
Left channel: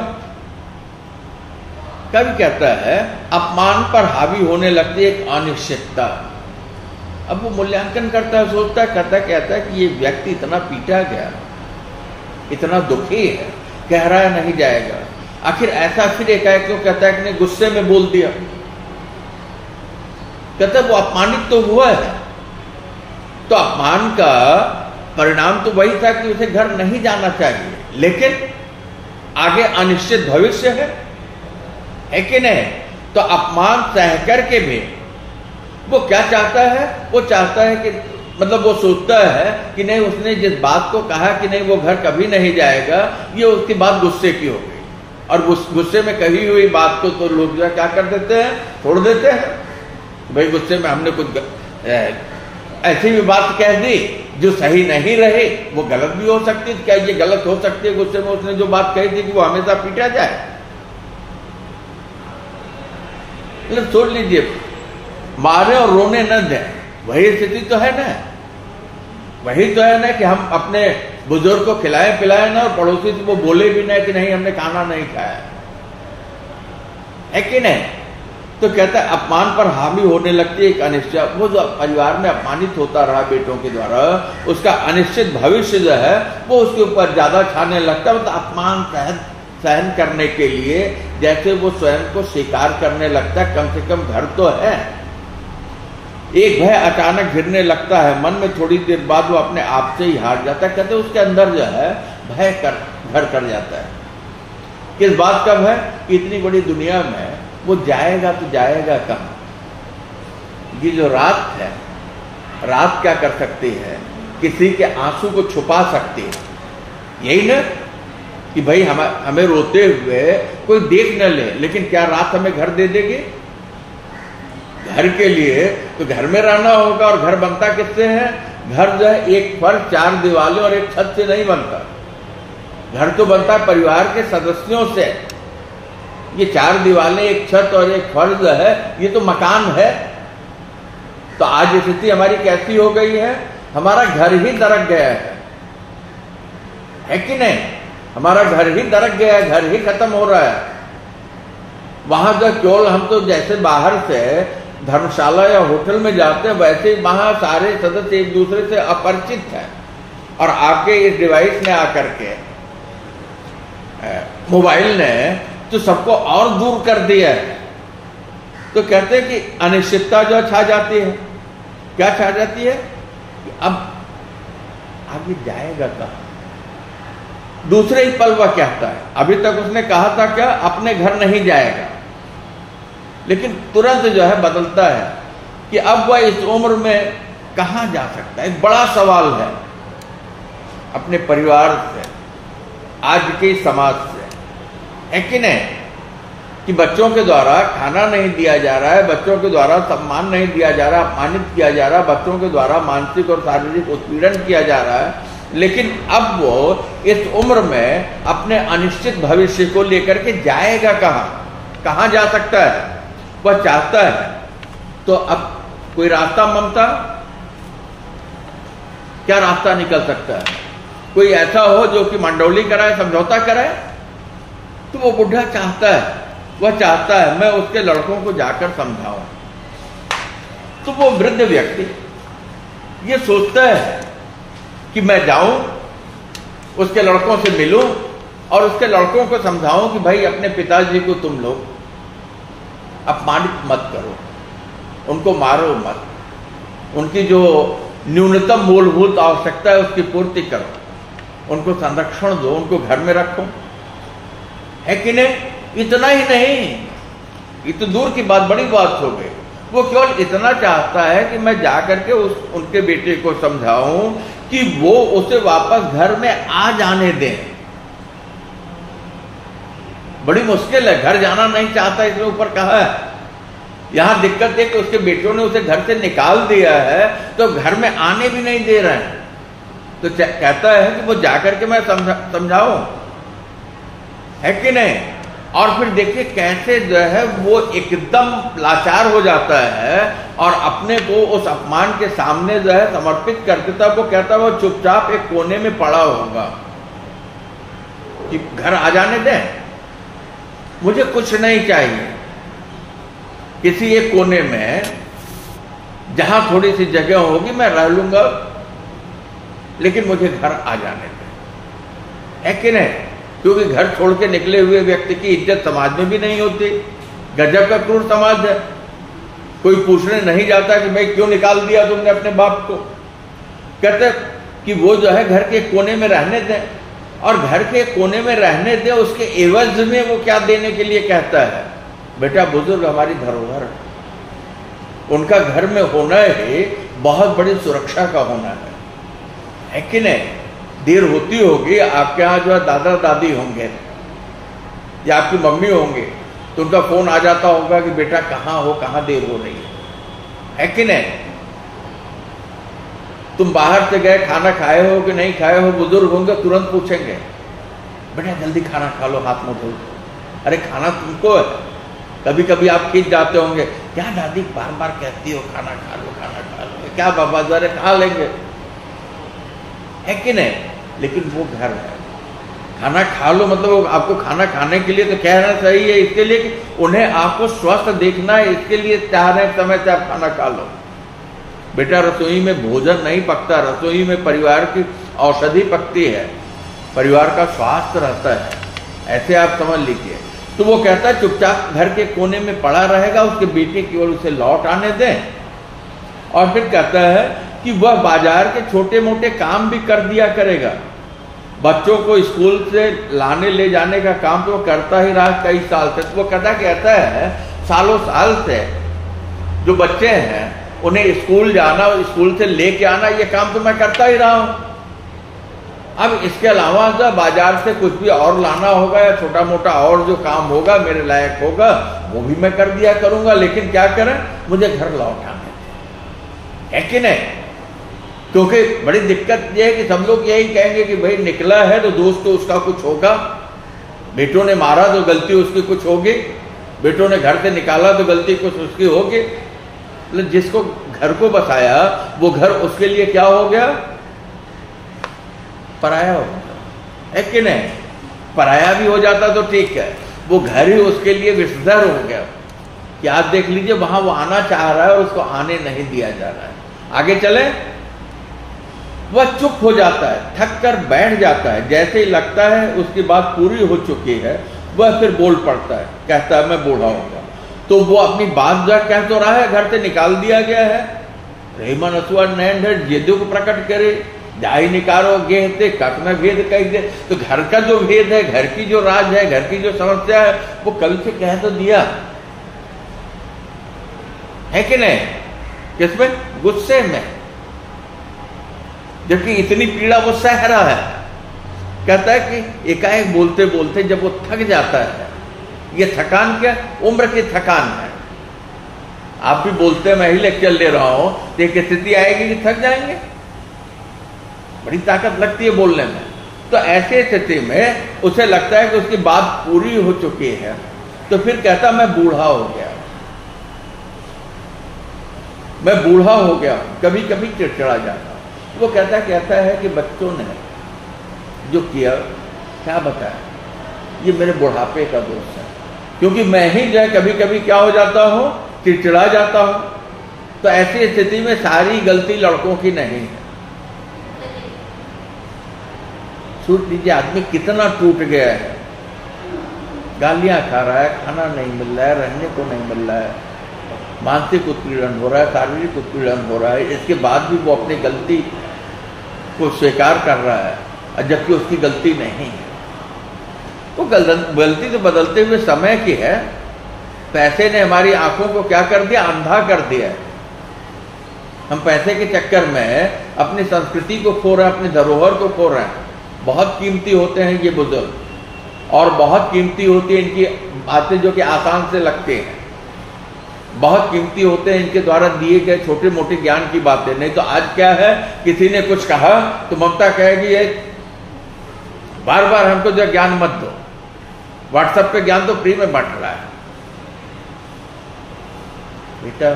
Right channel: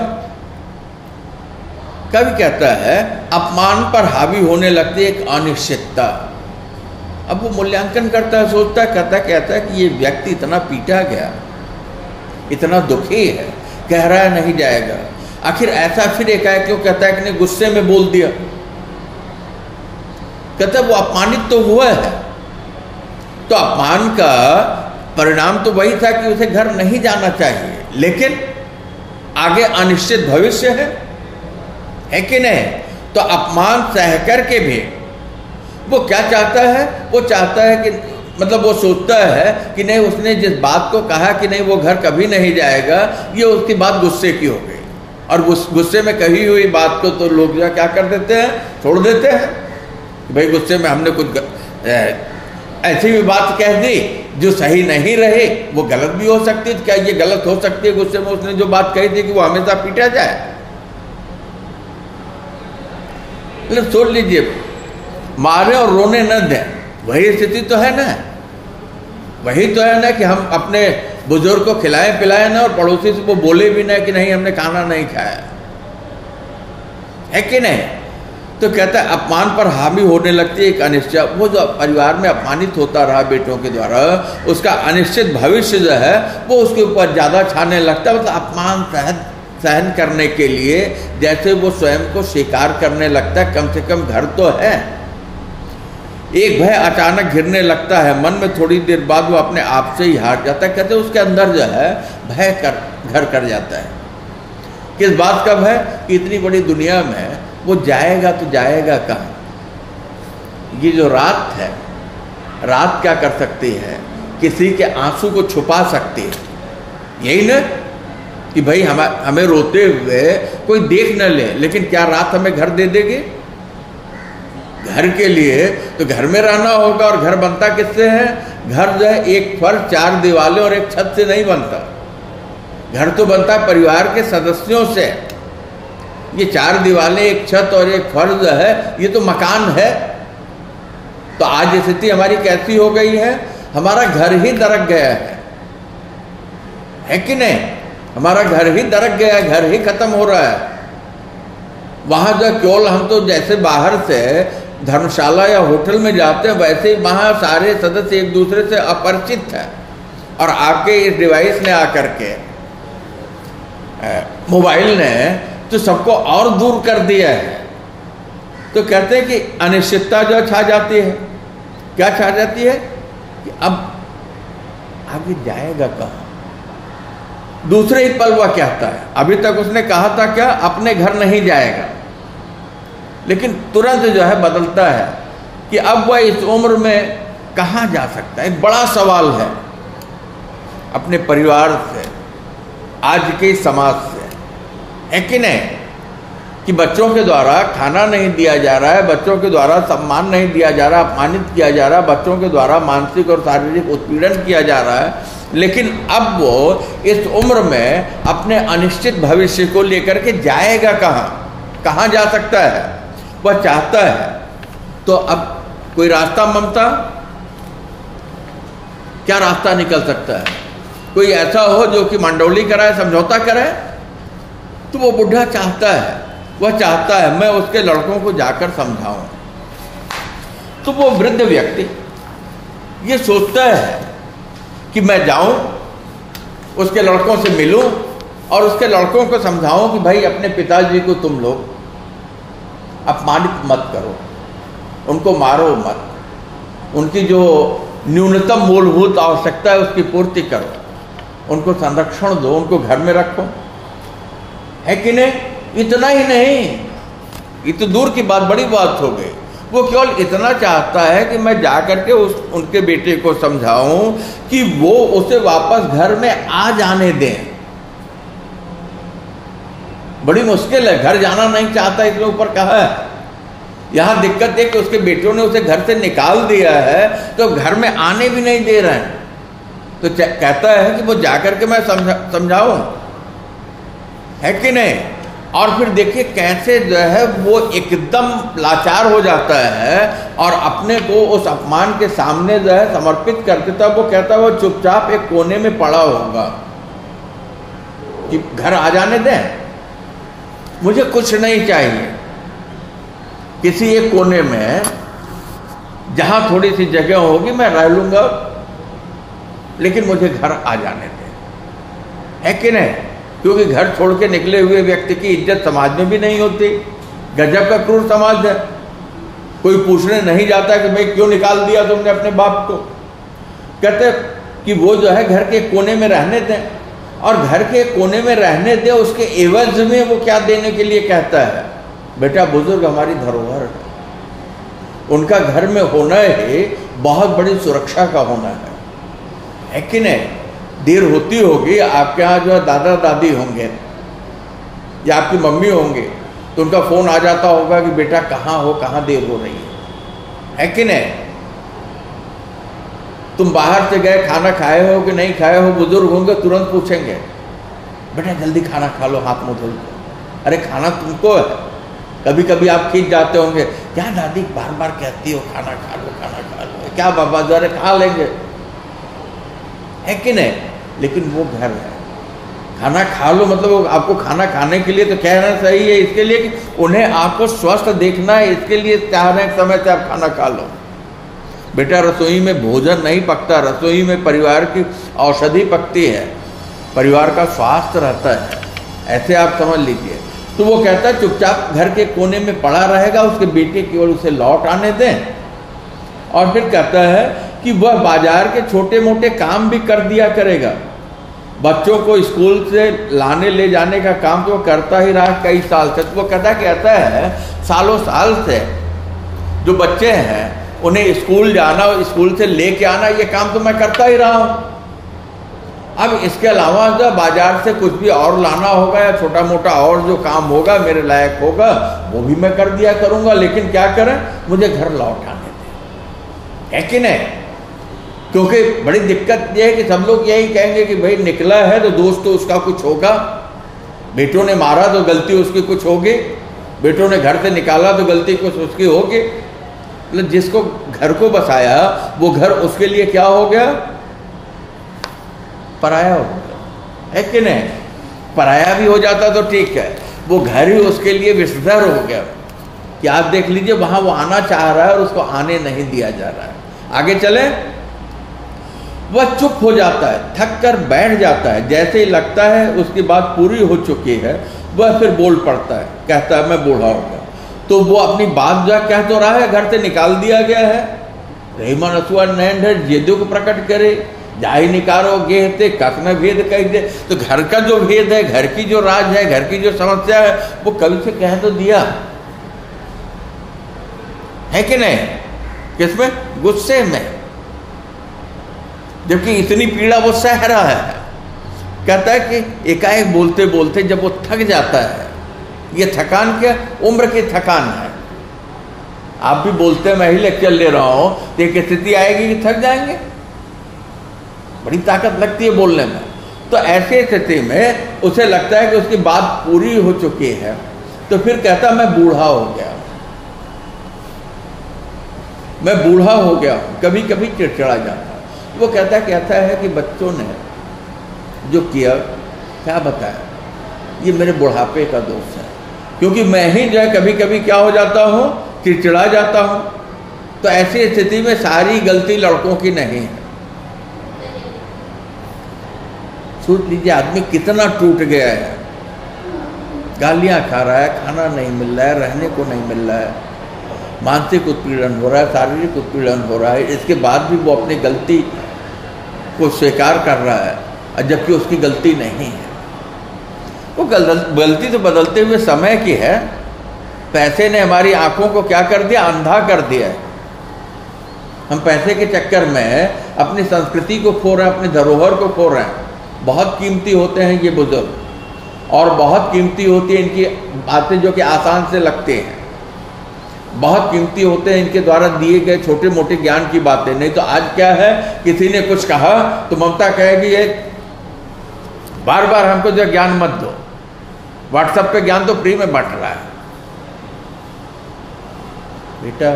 कवि कहता है अपमान पर हावी होने लगती है एक अनिश्चितता। अब वो मूल्यांकन करता है, सोचता है, कहता है कि ये व्यक्ति इतना पीटा गया, इतना दुखी है, कह रहा है नहीं जाएगा, आखिर ऐसा फिर एकाएक क्यों कहता है कि नहीं गुस्से में बोल दिया। कहता है वो अपमानित तो हुआ है, तो अपमान का परिणाम तो वही था कि उसे घर नहीं जाना चाहिए, लेकिन आगे अनिश्चित भविष्य है कि नहीं। तो अपमान सह करके भी वो क्या चाहता है, वो चाहता है कि मतलब वो सोचता है कि नहीं उसने जिस बात को कहा कि नहीं वो घर कभी नहीं जाएगा, ये उसकी बात गुस्से की हो गई, और गुस्से में कही हुई बात को तो लोग जो क्या कर देते हैं, छोड़ देते हैं। भाई गुस्से में हमने कुछ ऐसी भी बात कह दी जो सही नहीं रहे, वो गलत भी हो सकती है। क्या ये गलत हो सकती है गुस्से में उसने जो बात कही थी कि वो हमेशा पीटा जाए? सोच लीजिए, मारे और रोने न दें, वही स्थिति तो है ना। वही तो है ना कि हम अपने बुजुर्ग को खिलाए पिलाए ना, और पड़ोसी से वो बोले भी ना कि नहीं हमने खाना नहीं खाया, है कि नहीं। तो कहता है अपमान पर हावी होने लगती है एक अनिश्चित। वो जो परिवार में अपमानित होता रहा बेटों के द्वारा, उसका अनिश्चित भविष्य जो है वो उसके ऊपर ज्यादा छाने लगता है। मतलब अपमान सहन करने के लिए जैसे वो स्वयं को स्वीकार करने लगता है, कम से कम घर तो है। एक भय अचानक घिरने लगता है मन में, थोड़ी देर बाद वो अपने आप से ही हार जाता है। कहते उसके अंदर जो है भय घर कर जाता है। किस बात का भय? इतनी बड़ी दुनिया में वो जाएगा तो जाएगा कहाँ? ये जो रात है, रात क्या कर सकती है? किसी के आंसू को छुपा सकती है, यही ना कि भाई हमें रोते हुए कोई देख न ले, लेकिन क्या रात हमें घर दे देगी? घर के लिए तो घर में रहना होगा, और घर बनता किससे है? घर जो है एक फर्श, चार दीवारें और एक छत से नहीं बनता। घर तो बनता है परिवार के सदस्यों से। ये चार दीवारें, एक छत और एक फर्श जो है, ये तो मकान है। तो आज स्थिति हमारी कैसी हो गई है? हमारा घर ही दरक गया है कि नहीं? हमारा घर ही दरक गया है, घर ही खत्म हो रहा है। वहां जो केवल हम तो जैसे बाहर से धर्मशाला या होटल में जाते हैं, वैसे वहां सारे सदस्य एक दूसरे से अपरिचित है, और आपके इस डिवाइस ने आकर के, मोबाइल ने तो सबको और दूर कर दिया है। तो कहते हैं कि अनिश्चितता जो छा जाती है। क्या छा जाती है? कि अब आगे जाएगा कहाँ? दूसरे ही पल वह कहता है, अभी तक उसने कहा था क्या, अपने घर नहीं जाएगा, लेकिन तुरंत जो है बदलता है कि अब वह इस उम्र में कहाँ जा सकता है। एक बड़ा सवाल है अपने परिवार से, आज के समाज से, है कि नहीं? कि बच्चों के द्वारा खाना नहीं दिया जा रहा है, बच्चों के द्वारा सम्मान नहीं दिया जा रहा, अपमानित किया जा रहा है, बच्चों के द्वारा मानसिक और शारीरिक उत्पीड़न किया जा रहा है, लेकिन अब वो इस उम्र में अपने अनिश्चित भविष्य को लेकर के जाएगा कहाँ जा सकता है? वह चाहता है तो अब कोई रास्ता, ममता, क्या रास्ता निकल सकता है? कोई ऐसा हो जो कि मंडौली कराए, समझौता कराए? तो वो बुढ़ा चाहता है, वह चाहता है मैं उसके लड़कों को जाकर समझाऊं। तो वो वृद्ध व्यक्ति ये सोचता है कि मैं जाऊं, उसके लड़कों से मिलूं और उसके लड़कों को समझाऊं कि भाई अपने पिताजी को तुम लोग अपमानित मत करो, उनको मारो मत, उनकी जो न्यूनतम मूलभूत आवश्यकता है उसकी पूर्ति करो, उनको संरक्षण दो, उनको घर में रखो, है कि नहीं? इतना ही नहीं, ये तो दूर की बात, बड़ी बात हो गई। वो केवल इतना चाहता है कि मैं जाकर के उनके बेटे को समझाऊं कि वो उसे वापस घर में आ जाने दें। बड़ी मुश्किल है, घर जाना नहीं चाहता, इसमें ऊपर कहा है। यहां दिक्कत है कि उसके बेटों ने उसे घर से निकाल दिया है, तो घर में आने भी नहीं दे रहे हैं। तो कहता है कि वो जाकर के मैं समझाऊं। है कि नहीं? और फिर देखिए कैसे जो है वो एकदम लाचार हो जाता है और अपने को उस अपमान के सामने जो है समर्पित कर देता। वो कहता है वो चुपचाप एक कोने में पड़ा होगा कि घर आ जाने दें, मुझे कुछ नहीं चाहिए, किसी एक कोने में जहां थोड़ी सी जगह होगी मैं रह लूंगा, लेकिन मुझे घर आ जाने दें, है कि नहीं? क्योंकि घर छोड़ के निकले हुए व्यक्ति की इज्जत समाज में भी नहीं होती। गजब का क्रूर समाज है। कोई पूछने नहीं जाता कि भाई क्यों निकाल दिया तुमने अपने बाप को। कहते कि वो जो है घर के कोने में रहने दें, और घर के कोने में रहने दें, उसके एवज में वो क्या देने के लिए कहता है? बेटा बुजुर्ग हमारी धरोहर है, उनका घर में होना ही बहुत बड़ी सुरक्षा का होना है कि नहीं? देर होती होगी, आपके यहाँ जो है दादा दादी होंगे या आपकी मम्मी होंगे, तो उनका फोन आ जाता होगा कि बेटा कहाँ हो, कहाँ देर हो रही है कि नहीं? तुम बाहर से गए, खाना खाए हो कि नहीं खाए हो, बुजुर्ग होंगे तुरंत पूछेंगे बेटा जल्दी खाना खा लो, हाथ मुंह धो लो। अरे खाना तुमको है। कभी कभी आप खींच जाते होंगे, क्या दादी बार बार कहती हो खाना खा लो, खाना खा लो, क्या बाबा द्वारे खा लेंगे, है कि नहीं? लेकिन वो घर है, खाना खा लो मतलब आपको खाना खाने के लिए तो कहना सही है, इसके लिए कि उन्हें आपको स्वस्थ देखना है, इसके लिए चाहने समय से आप खाना खा लो। बेटा रसोई में भोजन नहीं पकता, रसोई में परिवार की औषधि पकती है, परिवार का स्वास्थ्य रहता है, ऐसे आप समझ लीजिए। तो वो कहता है चुपचाप घर के कोने में पड़ा रहेगा, उसके बेटे केवल उसे लौट आने दें। और फिर कहता है कि वह बाजार के छोटे मोटे काम भी कर दिया करेगा। बच्चों को स्कूल से लाने ले जाने का काम तो वो करता ही रहा कई साल से। तो वो कहता है सालों साल से जो बच्चे हैं उन्हें स्कूल जाना और स्कूल से लेके आना, ये काम तो मैं करता ही रहा हूं। अब इसके अलावा जब बाजार से कुछ भी और लाना होगा या छोटा मोटा और जो काम होगा मेरे लायक होगा, वो भी मैं कर दिया करूंगा, लेकिन क्या करें, मुझे घर लौट आने दें, है कि नहीं? क्योंकि बड़ी दिक्कत यह है कि सब लोग यही कहेंगे कि भाई निकला है तो दोस्त तो उसका कुछ होगा, बेटों ने मारा तो गलती उसकी कुछ होगी, बेटों ने घर से निकाला तो गलती कुछ उसकी होगी। मतलब जिसको घर को बसाया वो घर उसके लिए क्या हो गया? पराया हो गया, है कि नहीं? पराया भी हो जाता तो ठीक है, वो घर ही उसके लिए विषधर हो गया कि आप देख लीजिए वहां वो आना चाह रहा है और उसको आने नहीं दिया जा रहा है। आगे चले, वह चुप हो जाता है, थक कर बैठ जाता है, जैसे ही लगता है उसकी बात पूरी हो चुकी है वह फिर बोल पड़ता है, कहता है मैं बूढ़ा हूं। तो वो अपनी बात जो कह तो रहा है, घर से निकाल दिया गया है, रहीमन असुआ नैन जेदे को प्रकट करे, जाई निकारो गेहते कख न भेद कह दे। तो घर का जो भेद है, घर की जो राज है, घर की जो समस्या है, वो कवि से कह तो दिया, है कि नहीं? किसमें? गुस्से में, जबकि इतनी पीड़ा वो सह रहा है। कहता है कि एकाएक बोलते बोलते जब वो थक जाता है, ये थकान क्या? उम्र की थकान है। आप भी बोलते मैं ही लेक्चर ले रहा हूं तो एक स्थिति आएगी कि थक जाएंगे, बड़ी ताकत लगती है बोलने में। तो ऐसी स्थिति में उसे लगता है कि उसकी बात पूरी हो चुकी है, तो फिर कहता मैं बूढ़ा हो गया, मैं बूढ़ा हो गया, कभी कभी चिड़चिड़ा जाता। वो कहता है कि बच्चों ने जो किया क्या बताया, ये मेरे बुढ़ापे का दोष है, क्योंकि मैं ही जो है कभी कभी क्या हो जाता हूं, चिड़चिड़ा जाता हूं। तो ऐसी स्थिति में सारी गलती लड़कों की नहीं है। सोच लीजिए आदमी कितना टूट गया है, गालियां खा रहा है, खाना नहीं मिल रहा है, रहने को नहीं मिल रहा है, मानसिक उत्पीड़न हो रहा है, शारीरिक उत्पीड़न हो रहा है, इसके बाद भी वो अपनी गलती को स्वीकार कर रहा है, जबकि उसकी गलती नहीं है। वो गलती तो बदलते हुए समय की है। पैसे ने हमारी आंखों को क्या कर दिया? अंधा कर दिया है। हम पैसे के चक्कर में अपनी संस्कृति को खो रहे हैं, अपनी धरोहर को खो रहे हैं। बहुत कीमती होते हैं ये बुजुर्ग, और बहुत कीमती होती है इनकी बातें जो कि आसान से लगती हैं, बहुत कीमती होते हैं इनके द्वारा दिए गए छोटे मोटे ज्ञान की बातें। नहीं तो आज क्या है, किसी ने कुछ कहा तो ममता कहेगी ये बार बार हमको जो ज्ञान मत दो, व्हाट्सएप पे ज्ञान तो फ्री में बांट रहा है। बेटा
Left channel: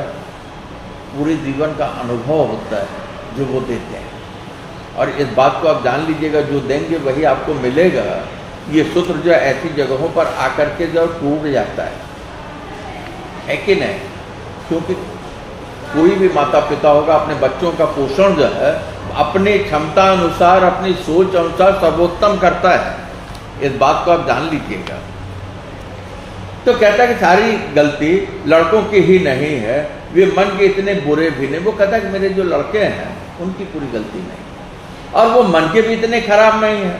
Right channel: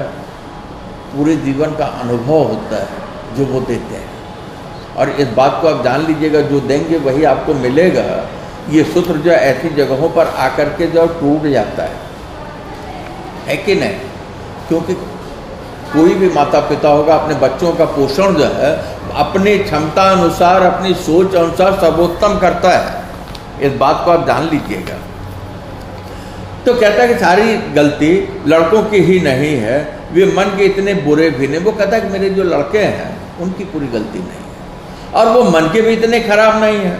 पूरे जीवन का अनुभव होता है जो वो देते हैं, और इस बात को आप जान लीजिएगा, जो देंगे वही आपको मिलेगा। ये सूत्र जो ऐसी जगहों पर आकर के जो टूट जाता है कि नहीं? क्योंकि कोई भी माता पिता होगा अपने बच्चों का पोषण जो है अपनी क्षमता अनुसार, अपनी सोच अनुसार सर्वोत्तम करता है। इस बात को आप जान लीजिएगा। तो कहता है कि सारी गलती लड़कों की ही नहीं है, वे मन के इतने बुरे भी नहीं। वो कहता है कि मेरे जो लड़के हैं उनकी पूरी गलती नहीं है, और वो मन के भी इतने खराब नहीं है।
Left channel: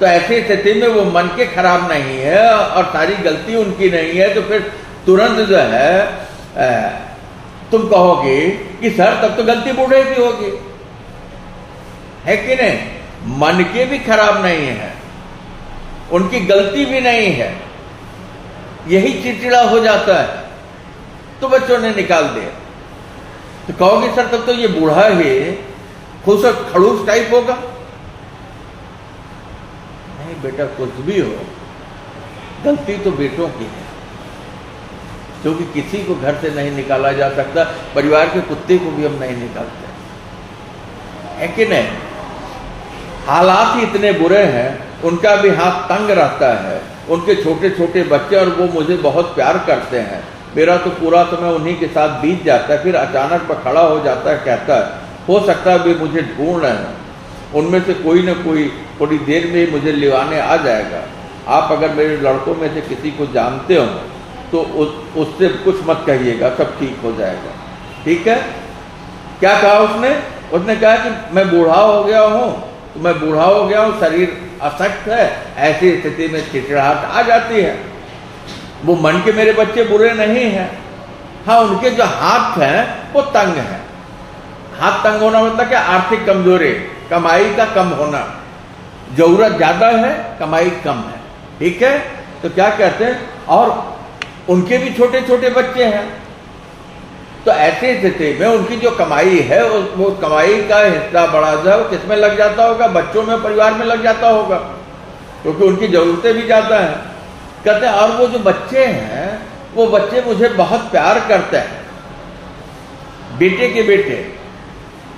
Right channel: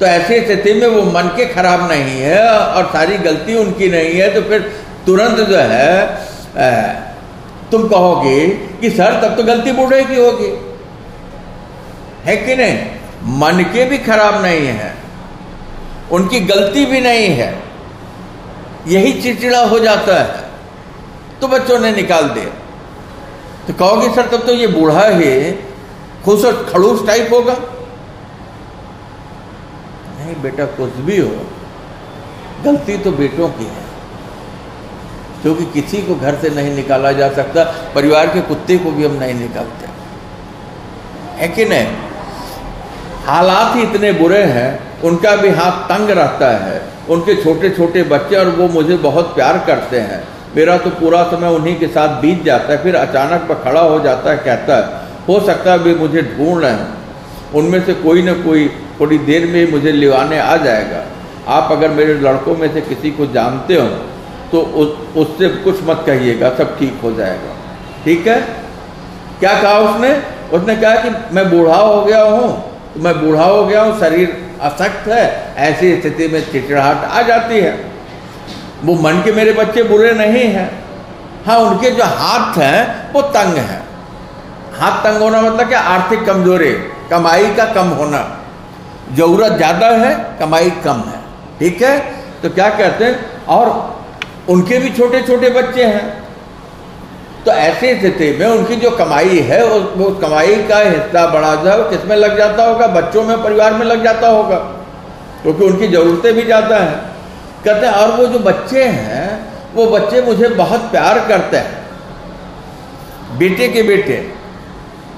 तो ऐसी स्थिति में वो मन के खराब नहीं है और सारी गलती उनकी नहीं है, तो फिर तुरंत जो है तुम कहोगे कि सर तब तो गलती बूढ़े की होगी, है कि नहीं? मन के भी खराब नहीं है, उनकी गलती भी नहीं है, यही चिड़चिड़ा हो जाता है, तो बच्चों ने निकाल दिया। तो कहोगे सर तब तो ये बूढ़ा ही खुश खड़ूस टाइप होगा। नहीं बेटा, कुछ भी हो, गलती तो बेटों की है, क्योंकि किसी को घर से नहीं निकाला जा सकता। परिवार के कुत्ते को भी हम नहीं निकालते, है कि नहीं? हालात ही इतने बुरे हैं, उनका भी हाथ तंग रहता है, उनके छोटे छोटे बच्चे, और वो मुझे बहुत प्यार करते हैं। मेरा तो पूरा समय उन्हीं के साथ बीत जाता है। फिर अचानक पर खड़ा हो जाता है, कहता है हो सकता है वे मुझे ढूंढ रहे हैं, उनमें से कोई न कोई थोड़ी देर में मुझे लिवाने आ जाएगा। आप अगर मेरे लड़कों में से किसी को जानते हो तो उससे कुछ मत कहिएगा, सब ठीक हो जाएगा। ठीक है? क्या कहा उसने? उसने कहा कि मैं बूढ़ा हो गया हूँ, तो मैं बूढ़ा हो गया हूँ, शरीर अशक्त है, ऐसी स्थिति में चिड़चिड़ाहट आ जाती है। वो मन के मेरे बच्चे बुरे नहीं हैं, हाँ उनके जो हाथ हैं वो तंग हैं। हाथ तंग होना मतलब क्या? आर्थिक कमजोरी, कमाई का कम होना, जरूरत ज्यादा है, कमाई कम है। ठीक है? तो क्या कहते हैं, और उनके भी छोटे छोटे बच्चे हैं, तो ऐसी स्थिति में उनकी जो कमाई है वो कमाई का हिस्सा बड़ा जो है किसमें लग जाता होगा? बच्चों में, परिवार में लग जाता होगा, क्योंकि उनकी जरूरतें भी ज्यादा हैं। कहते हैं और वो जो बच्चे हैं वो बच्चे मुझे बहुत प्यार करते हैं, बेटे के बेटे,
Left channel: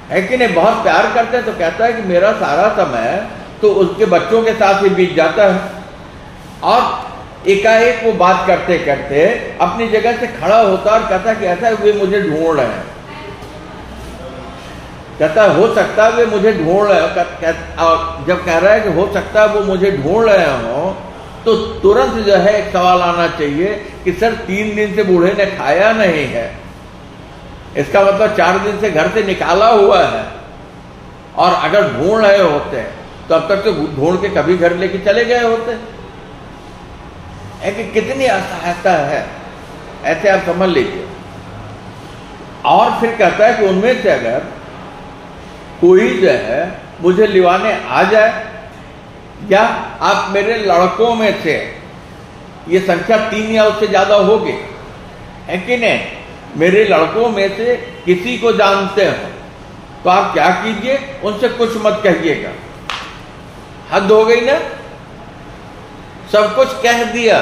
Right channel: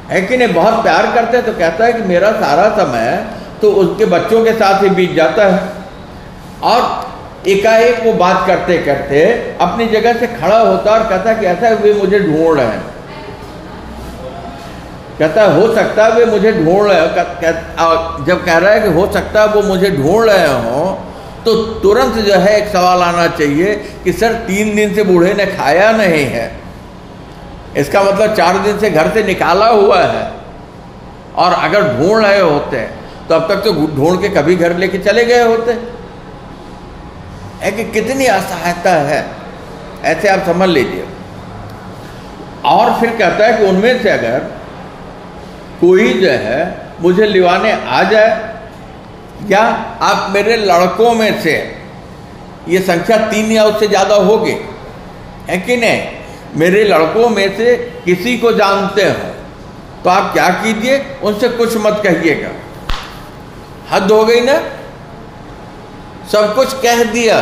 है कि नहीं? बहुत प्यार करते हैं। तो कहता है कि मेरा सारा समय तो उसके बच्चों के साथ ही बीत जाता है। और एकाएक वो बात करते करते अपनी जगह से खड़ा होता और कहता कि ऐसा वे मुझे ढूंढ रहे हैं। कहता हो सकता है वे मुझे ढूंढ रहे हो। जब कह रहा है कि हो सकता है वो मुझे ढूंढ रहे हो, तो तुरंत जो है एक सवाल आना चाहिए कि सर 3 दिन से बूढ़े ने खाया नहीं है, इसका मतलब 4 दिन से घर से निकाला हुआ है। और अगर ढूंढ रहे होते तो अब तक तो ढूंढ के कभी घर लेके चले गए होते। है कि कितनी असहायता है, ऐसे आप समझ लीजिए। और फिर कहता है कि उनमें से अगर कोई जो है मुझे लिवाने आ जाए, या आप मेरे लड़कों में से, ये संख्या 3 या उससे ज्यादा होगी, है कि नहीं? मेरे लड़कों में से किसी को जानते हो तो आप क्या कीजिए, उनसे कुछ मत कहिएगा। हद हो गई ना? सब कुछ कह दिया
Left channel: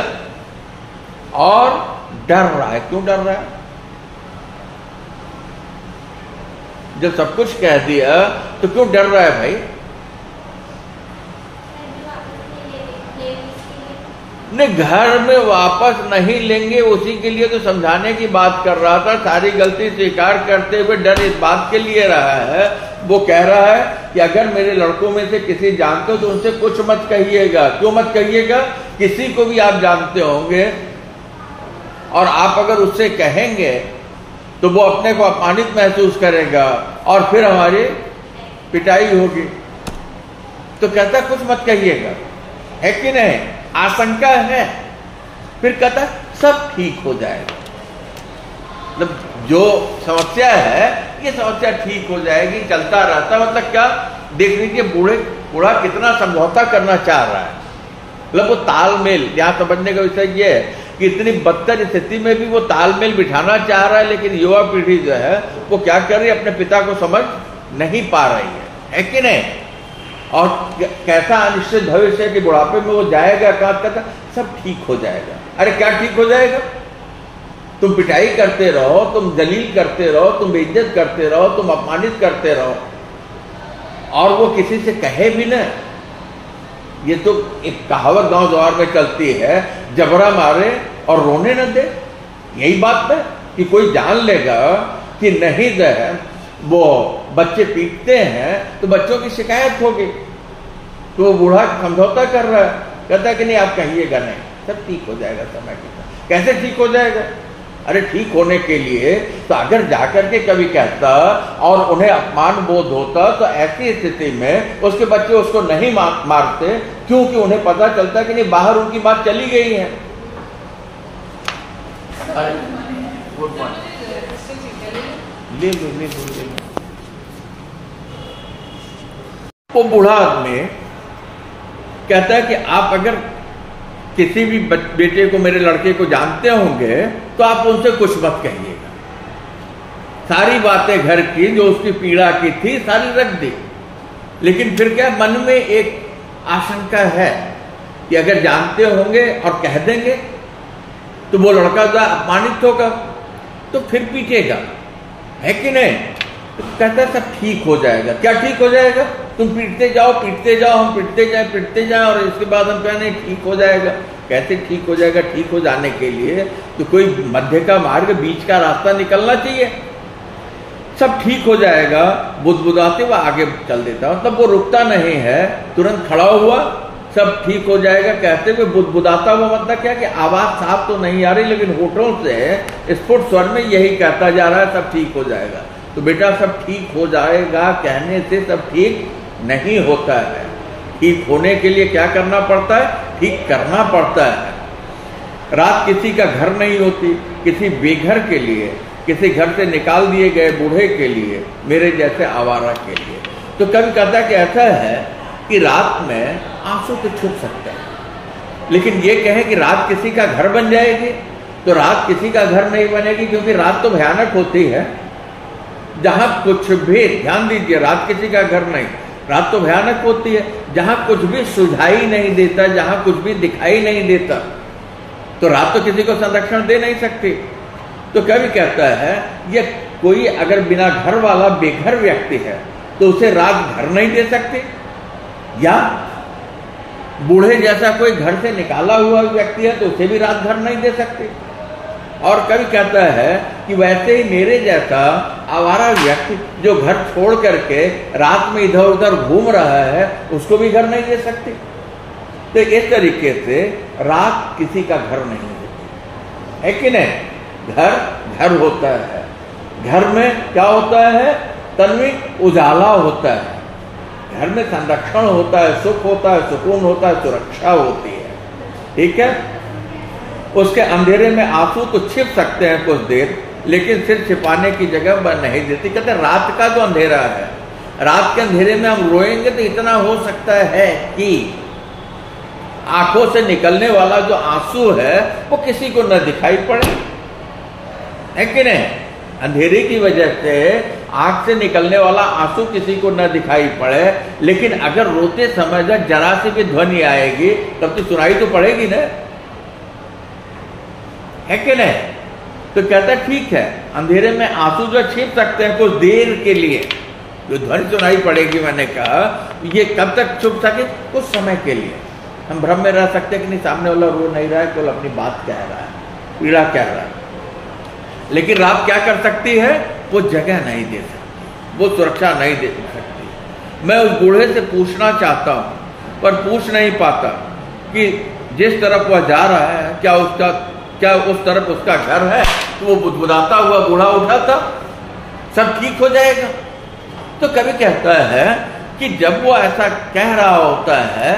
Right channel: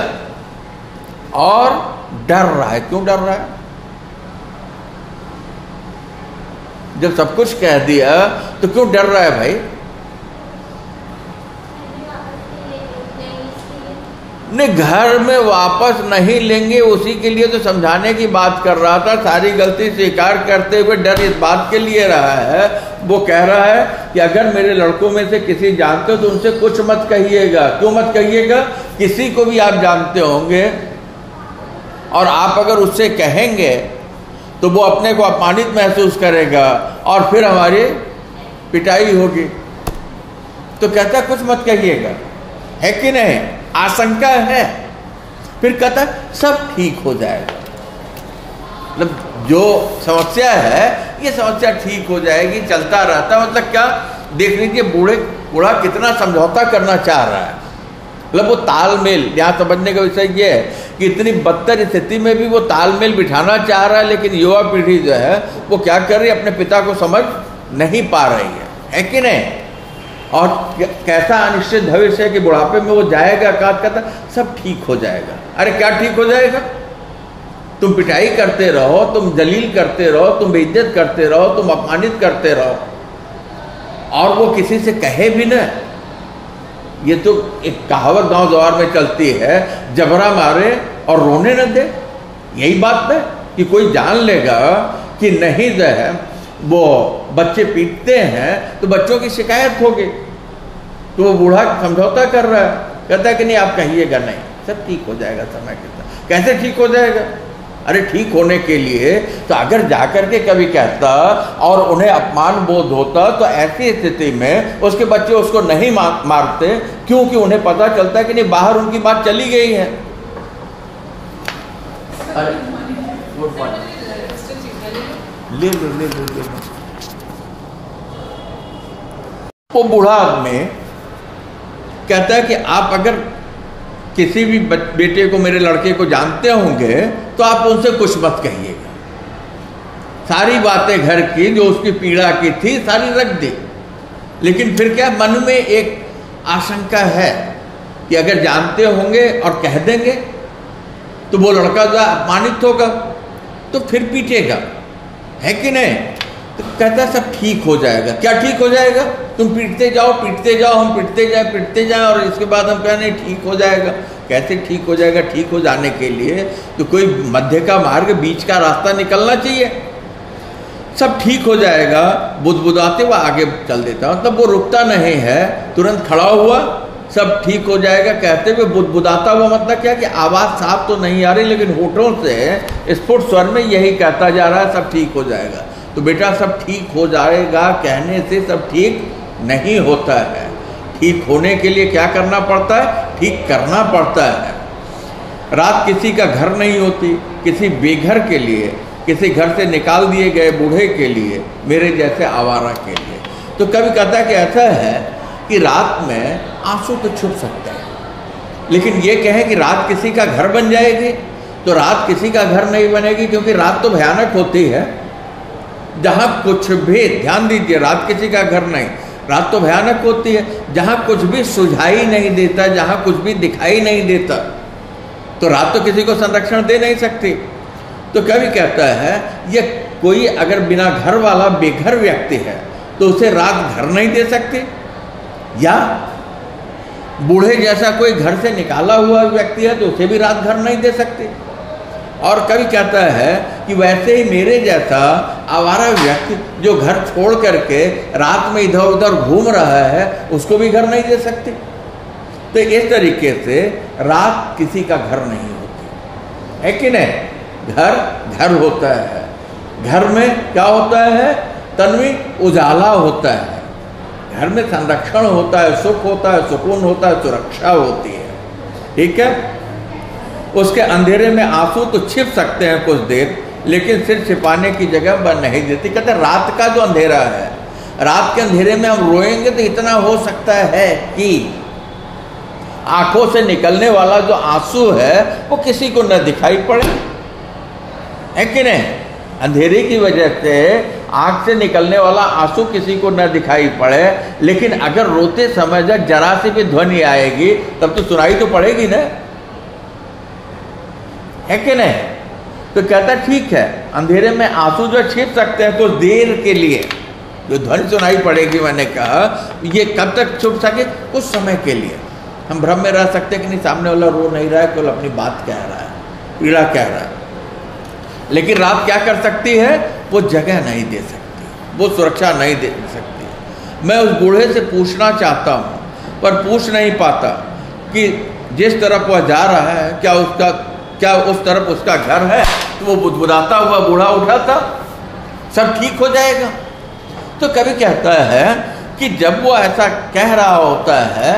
और डर रहा है। क्यों डर रहा है? जब सब कुछ कह दिया तो क्यों डर रहा है भाई? ने घर में वापस नहीं लेंगे, उसी के लिए तो समझाने की बात कर रहा था। सारी गलती स्वीकार करते हुए डर इस बात के लिए रहा है, वो कह रहा है कि अगर मेरे लड़कों में से किसी जानते हो तो उनसे कुछ मत कहिएगा। क्यों मत कहिएगा? किसी को भी आप जानते होंगे और आप अगर उससे कहेंगे तो वो अपने को अपमानित महसूस करेगा और फिर हमारी पिटाई होगी। तो कहता कुछ मत कहिएगा, है कि नहीं? आशंका है। फिर कहता सब ठीक हो जाएगा, मतलब जो समस्या है ये समस्या ठीक हो जाएगी, चलता रहता। मतलब क्या? देख लीजिए बूढ़ा कितना समझौता करना चाह रहा है। मतलब वो तालमेल, यहाँ समझने का विषय ये है कि इतनी बदतर स्थिति में भी वो तालमेल बिठाना चाह रहा है, लेकिन युवा पीढ़ी जो है वो क्या कर रही है, अपने पिता को समझ नहीं पा रही है कि नहीं? और कैसा अनिश्चित भविष्य है कि बुढ़ापे में वो जाएगा, कहता सब ठीक हो जाएगा। अरे क्या ठीक हो जाएगा? तुम पिटाई करते रहो, तुम जलील करते रहो, तुम बेइज्जत करते रहो, तुम अपमानित करते रहो, और वो किसी से कहे भी ना। ये तो एक कहावत गांव जवार में चलती है, जबरा मारे और रोने न दे। यही बात है कि कोई जान लेगा कि नहीं जो है वो बच्चे पीटते हैं तो बच्चों की शिकायत होगी, तो वो बूढ़ा समझौता कर रहा है, कहता है कि नहीं आप कहिएगा नहीं, सब ठीक हो जाएगा समय के साथ। कैसे ठीक हो जाएगा? अरे ठीक होने के लिए तो अगर जाकर के कभी कहता और उन्हें अपमान बोध होता तो ऐसी स्थिति में उसके बच्चे उसको नहीं मारते, क्योंकि उन्हें पता चलता है कि नहीं बाहर उनकी बात चली गई है। ले लो। वो बूढ़ा आदमी कहता है कि आप अगर किसी भी बेटे को, मेरे लड़के को जानते होंगे तो आप उनसे कुछ मत कहिएगा। सारी बातें घर की जो उसकी पीड़ा की थी सारी रख दी, लेकिन फिर क्या मन में एक आशंका है कि अगर जानते होंगे और कह देंगे तो वो लड़का जो अपमानित होगा तो फिर पीटेगा, है कि नहीं? तो कहता है सब ठीक हो जाएगा। क्या ठीक हो जाएगा? तुम पीटते जाओ, हम पीटते जाए और इसके बाद हम कहें नहीं ठीक हो जाएगा। कैसे ठीक हो जाएगा? ठीक हो जाने के लिए तो कोई मध्य का मार्ग, बीच का रास्ता निकलना चाहिए। सब ठीक हो जाएगा बुदबुदाते हुए आगे चल देता हूं, तब वो रुकता नहीं है, तुरंत खड़ा हुआ, सब ठीक हो जाएगा कहते हुए बुदबुदाता हुआ। मतलब क्या कि आवाज साफ तो नहीं आ रही, लेकिन होठों से स्फुट स्वर में यही कहता जा रहा है सब ठीक हो जाएगा। तो बेटा सब ठीक हो जाएगा कहने से सब ठीक नहीं होता है। ठीक होने के लिए क्या करना पड़ता है? ठीक करना पड़ता है। रात किसी का घर नहीं होती, किसी बेघर के लिए, किसी घर से निकाल दिए गए बूढ़े के लिए, मेरे जैसे आवारा के लिए। तो कभी कहता है कि ऐसा है कि रात में आंसू तो छुप सकते हैं, लेकिन ये कहें कि रात किसी का घर बन जाएगी, तो रात किसी का घर नहीं बनेगी, क्योंकि रात तो भयानक होती है। जहां कुछ भी, ध्यान दीजिए, रात किसी का घर नहीं, रात तो भयानक होती है। जहां कुछ भी सुझाई नहीं देता, जहां कुछ भी दिखाई नहीं देता, तो रात तो किसी को संरक्षण दे नहीं सकती। तो कभी कहता है ये कोई अगर बिना घर वाला बेघर व्यक्ति है तो उसे रात घर नहीं दे सकती, या बूढ़े जैसा कोई घर से निकाला हुआ व्यक्ति है तो उसे भी रात घर नहीं दे सकते। और कभी कहता है कि वैसे ही मेरे जैसा आवारा व्यक्ति जो घर छोड़ करके रात में इधर उधर घूम रहा है उसको भी घर नहीं दे सकते। तो इस तरीके से रात किसी का घर नहीं होती है कि नहीं? घर होता है। घर में क्या होता है? तन्वी उजाला होता है, घर में संरक्षण होता है, सुख होता है, सुकून होता है, सुरक्षा होती है। ठीक है? उसके अंधेरे में आंसू तो छिप सकते हैं कुछ देर, लेकिन सिर छिपाने की जगह बन नहीं देती। कहते रात का जो अंधेरा है, रात के अंधेरे में हम रोएंगे तो इतना हो सकता है कि आंखों से निकलने वाला जो आंसू है वो किसी को न दिखाई पड़े, है कि नहीं? अंधेरे की वजह से आंख से निकलने वाला आंसू किसी को न दिखाई पड़े, लेकिन अगर रोते समय जब जरा सी भी ध्वनि आएगी तब तो सुनाई तो पड़ेगी ना, है कि नहीं? तो कहता ठीक है, अंधेरे में आंसू जो छिप सकते हैं कुछ देर के लिए, जो ध्वनि सुनाई पड़ेगी, मैंने कहा ये कब तक छुप सके? कुछ समय के लिए। हम भ्रम में रह सकते हैं कि नहीं सामने वाला रो नहीं रहा है, केवल अपनी बात कह रहा है, पीड़ा कह रहा है। लेकिन रात क्या कर सकती है? वो जगह नहीं दे सकती, वो सुरक्षा नहीं दे सकती। मैं उस बूढ़े से पूछना चाहता हूँ पर पूछ नहीं पाता कि जिस तरफ वह जा रहा है क्या उस तरफ उसका घर है? तो वो बुदबुदाता हुआ बूढ़ा उठा था, सब ठीक हो जाएगा। तो कभी कहता है कि जब वो ऐसा कह रहा होता है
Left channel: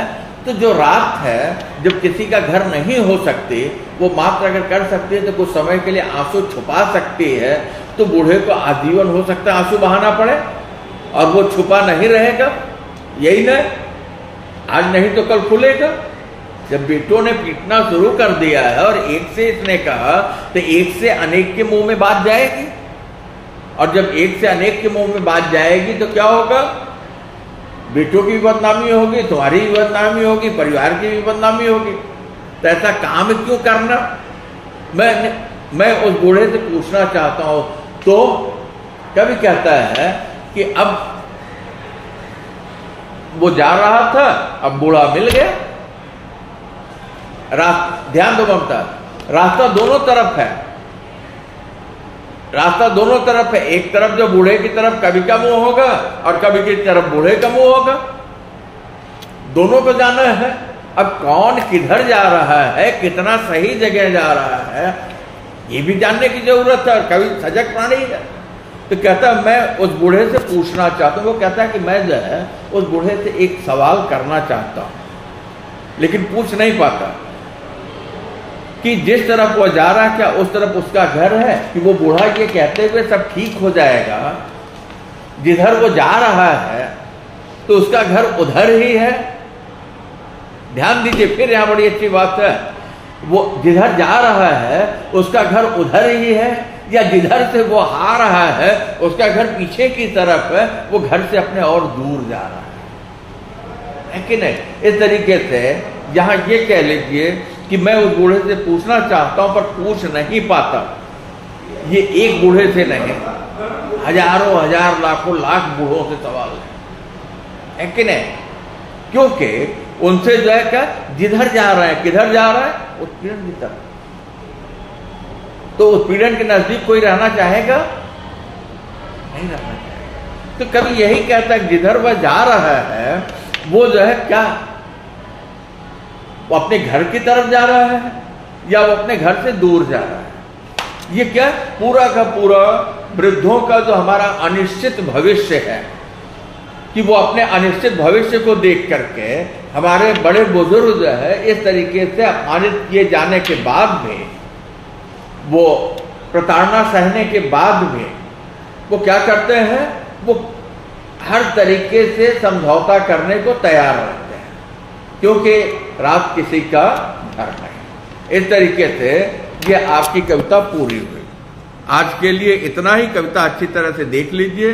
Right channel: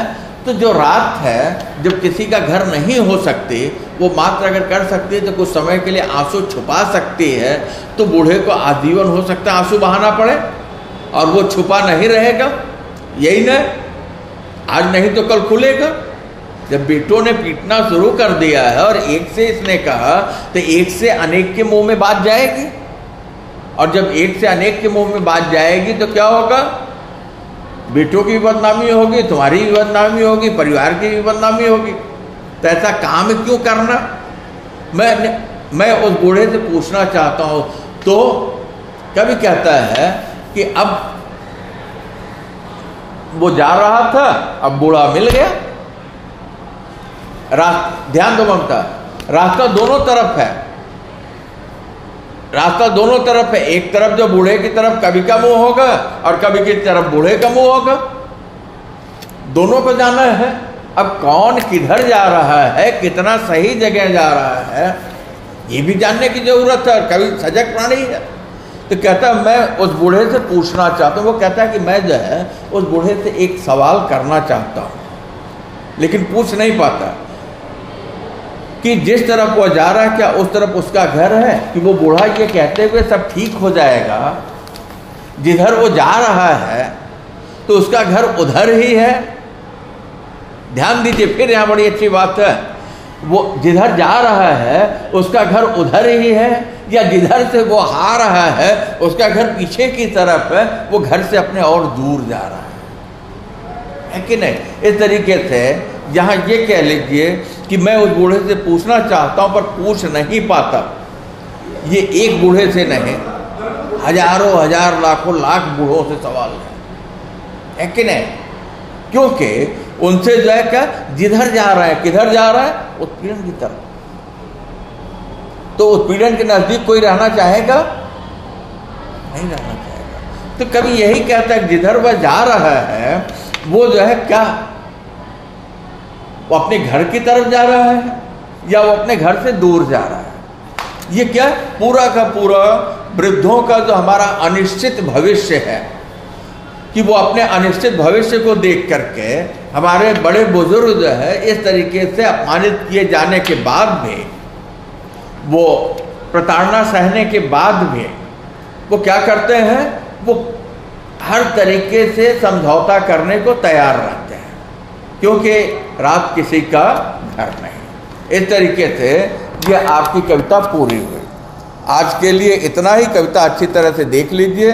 तो जो रात है, जब किसी का घर नहीं हो सकती, वो मात्र अगर कर सकती है तो कुछ समय के लिए आंसू छुपा सकती है, तो बूढ़े को आजीवन हो सकता है आंसू बहाना पड़े और वो छुपा नहीं रहेगा। यही ना, आज नहीं तो कल खुलेगा। जब बेटों ने पीटना शुरू कर दिया है और एक से इसने कहा तो एक से अनेक के मुंह में बात जाएगी, और जब एक से अनेक के मुंह में बात जाएगी तो क्या होगा? बेटों की भी बदनामी होगी, तुम्हारी भी बदनामी होगी, परिवार की भी बदनामी होगी। तो ऐसा काम क्यों करना? मैं उस बूढ़े से पूछना चाहता हूं। तो कभी कहता है कि अब वो जा रहा था, अब बूढ़ा मिल गया। ध्यान दो ममता, रास्ता दोनों तरफ है, रास्ता दोनों तरफ है। एक तरफ जो बूढ़े की तरफ कभी का मुंह होगा और कभी की तरफ बूढ़े का मुंह होगा, दोनों को जाना है। अब कौन किधर जा रहा है, कितना सही जगह जा रहा है, ये भी जानने की जरूरत है। और कभी सजग प्राणी है। तो कहता है मैं उस बूढ़े से पूछना चाहता हूं। वो कहता है कि मैं जो है उस बूढ़े से एक सवाल करना चाहता हूं, लेकिन पूछ नहीं पाता कि जिस तरफ वो जा रहा है क्या उस तरफ उसका घर है, कि वो बूढ़ा ये कहते हुए सब ठीक हो जाएगा, जिधर वो जा रहा है तो उसका घर उधर ही है। ध्यान दीजिए, फिर यहां बड़ी अच्छी बात है। वो जिधर जा रहा है उसका घर उधर ही है, या जिधर से वो आ रहा है उसका घर पीछे की तरफ है, वो घर से अपने और दूर जा रहा है कि नहीं? इस तरीके से यहां ये कह लीजिए कि मैं उस बूढ़े से पूछना चाहता हूं पर पूछ नहीं पाता। ये एक बूढ़े से नहीं, हजारों हजार लाखों लाख बूढ़ों से सवाल है कि नहीं? क्योंकि उनसे जो है क्या, जिधर जा रहा है, किधर जा रहा है, उत्पीड़न की तरफ। तो उत्पीड़न के नजदीक कोई रहना चाहेगा? नहीं रहना चाहेगा। तो कभी यही कहता है जिधर वह जा रहा है वो जो है क्या, वो अपने घर की तरफ जा रहा है या वो अपने घर से दूर जा रहा है? ये क्या पूरा का पूरा वृद्धों का जो हमारा अनिश्चित भविष्य है, कि वो अपने अनिश्चित भविष्य को देख करके हमारे बड़े बुजुर्ग जो है इस तरीके से अपमानित किए जाने के बाद भी, वो प्रताड़ना सहने के बाद भी वो क्या करते हैं, वो हर तरीके से समझौता करने को तैयार रहते हैं, क्योंकि रात किसी का घर नहीं। इस तरीके से ये आपकी कविता पूरी हुई। आज के लिए इतना ही। कविता अच्छी तरह से देख लीजिए।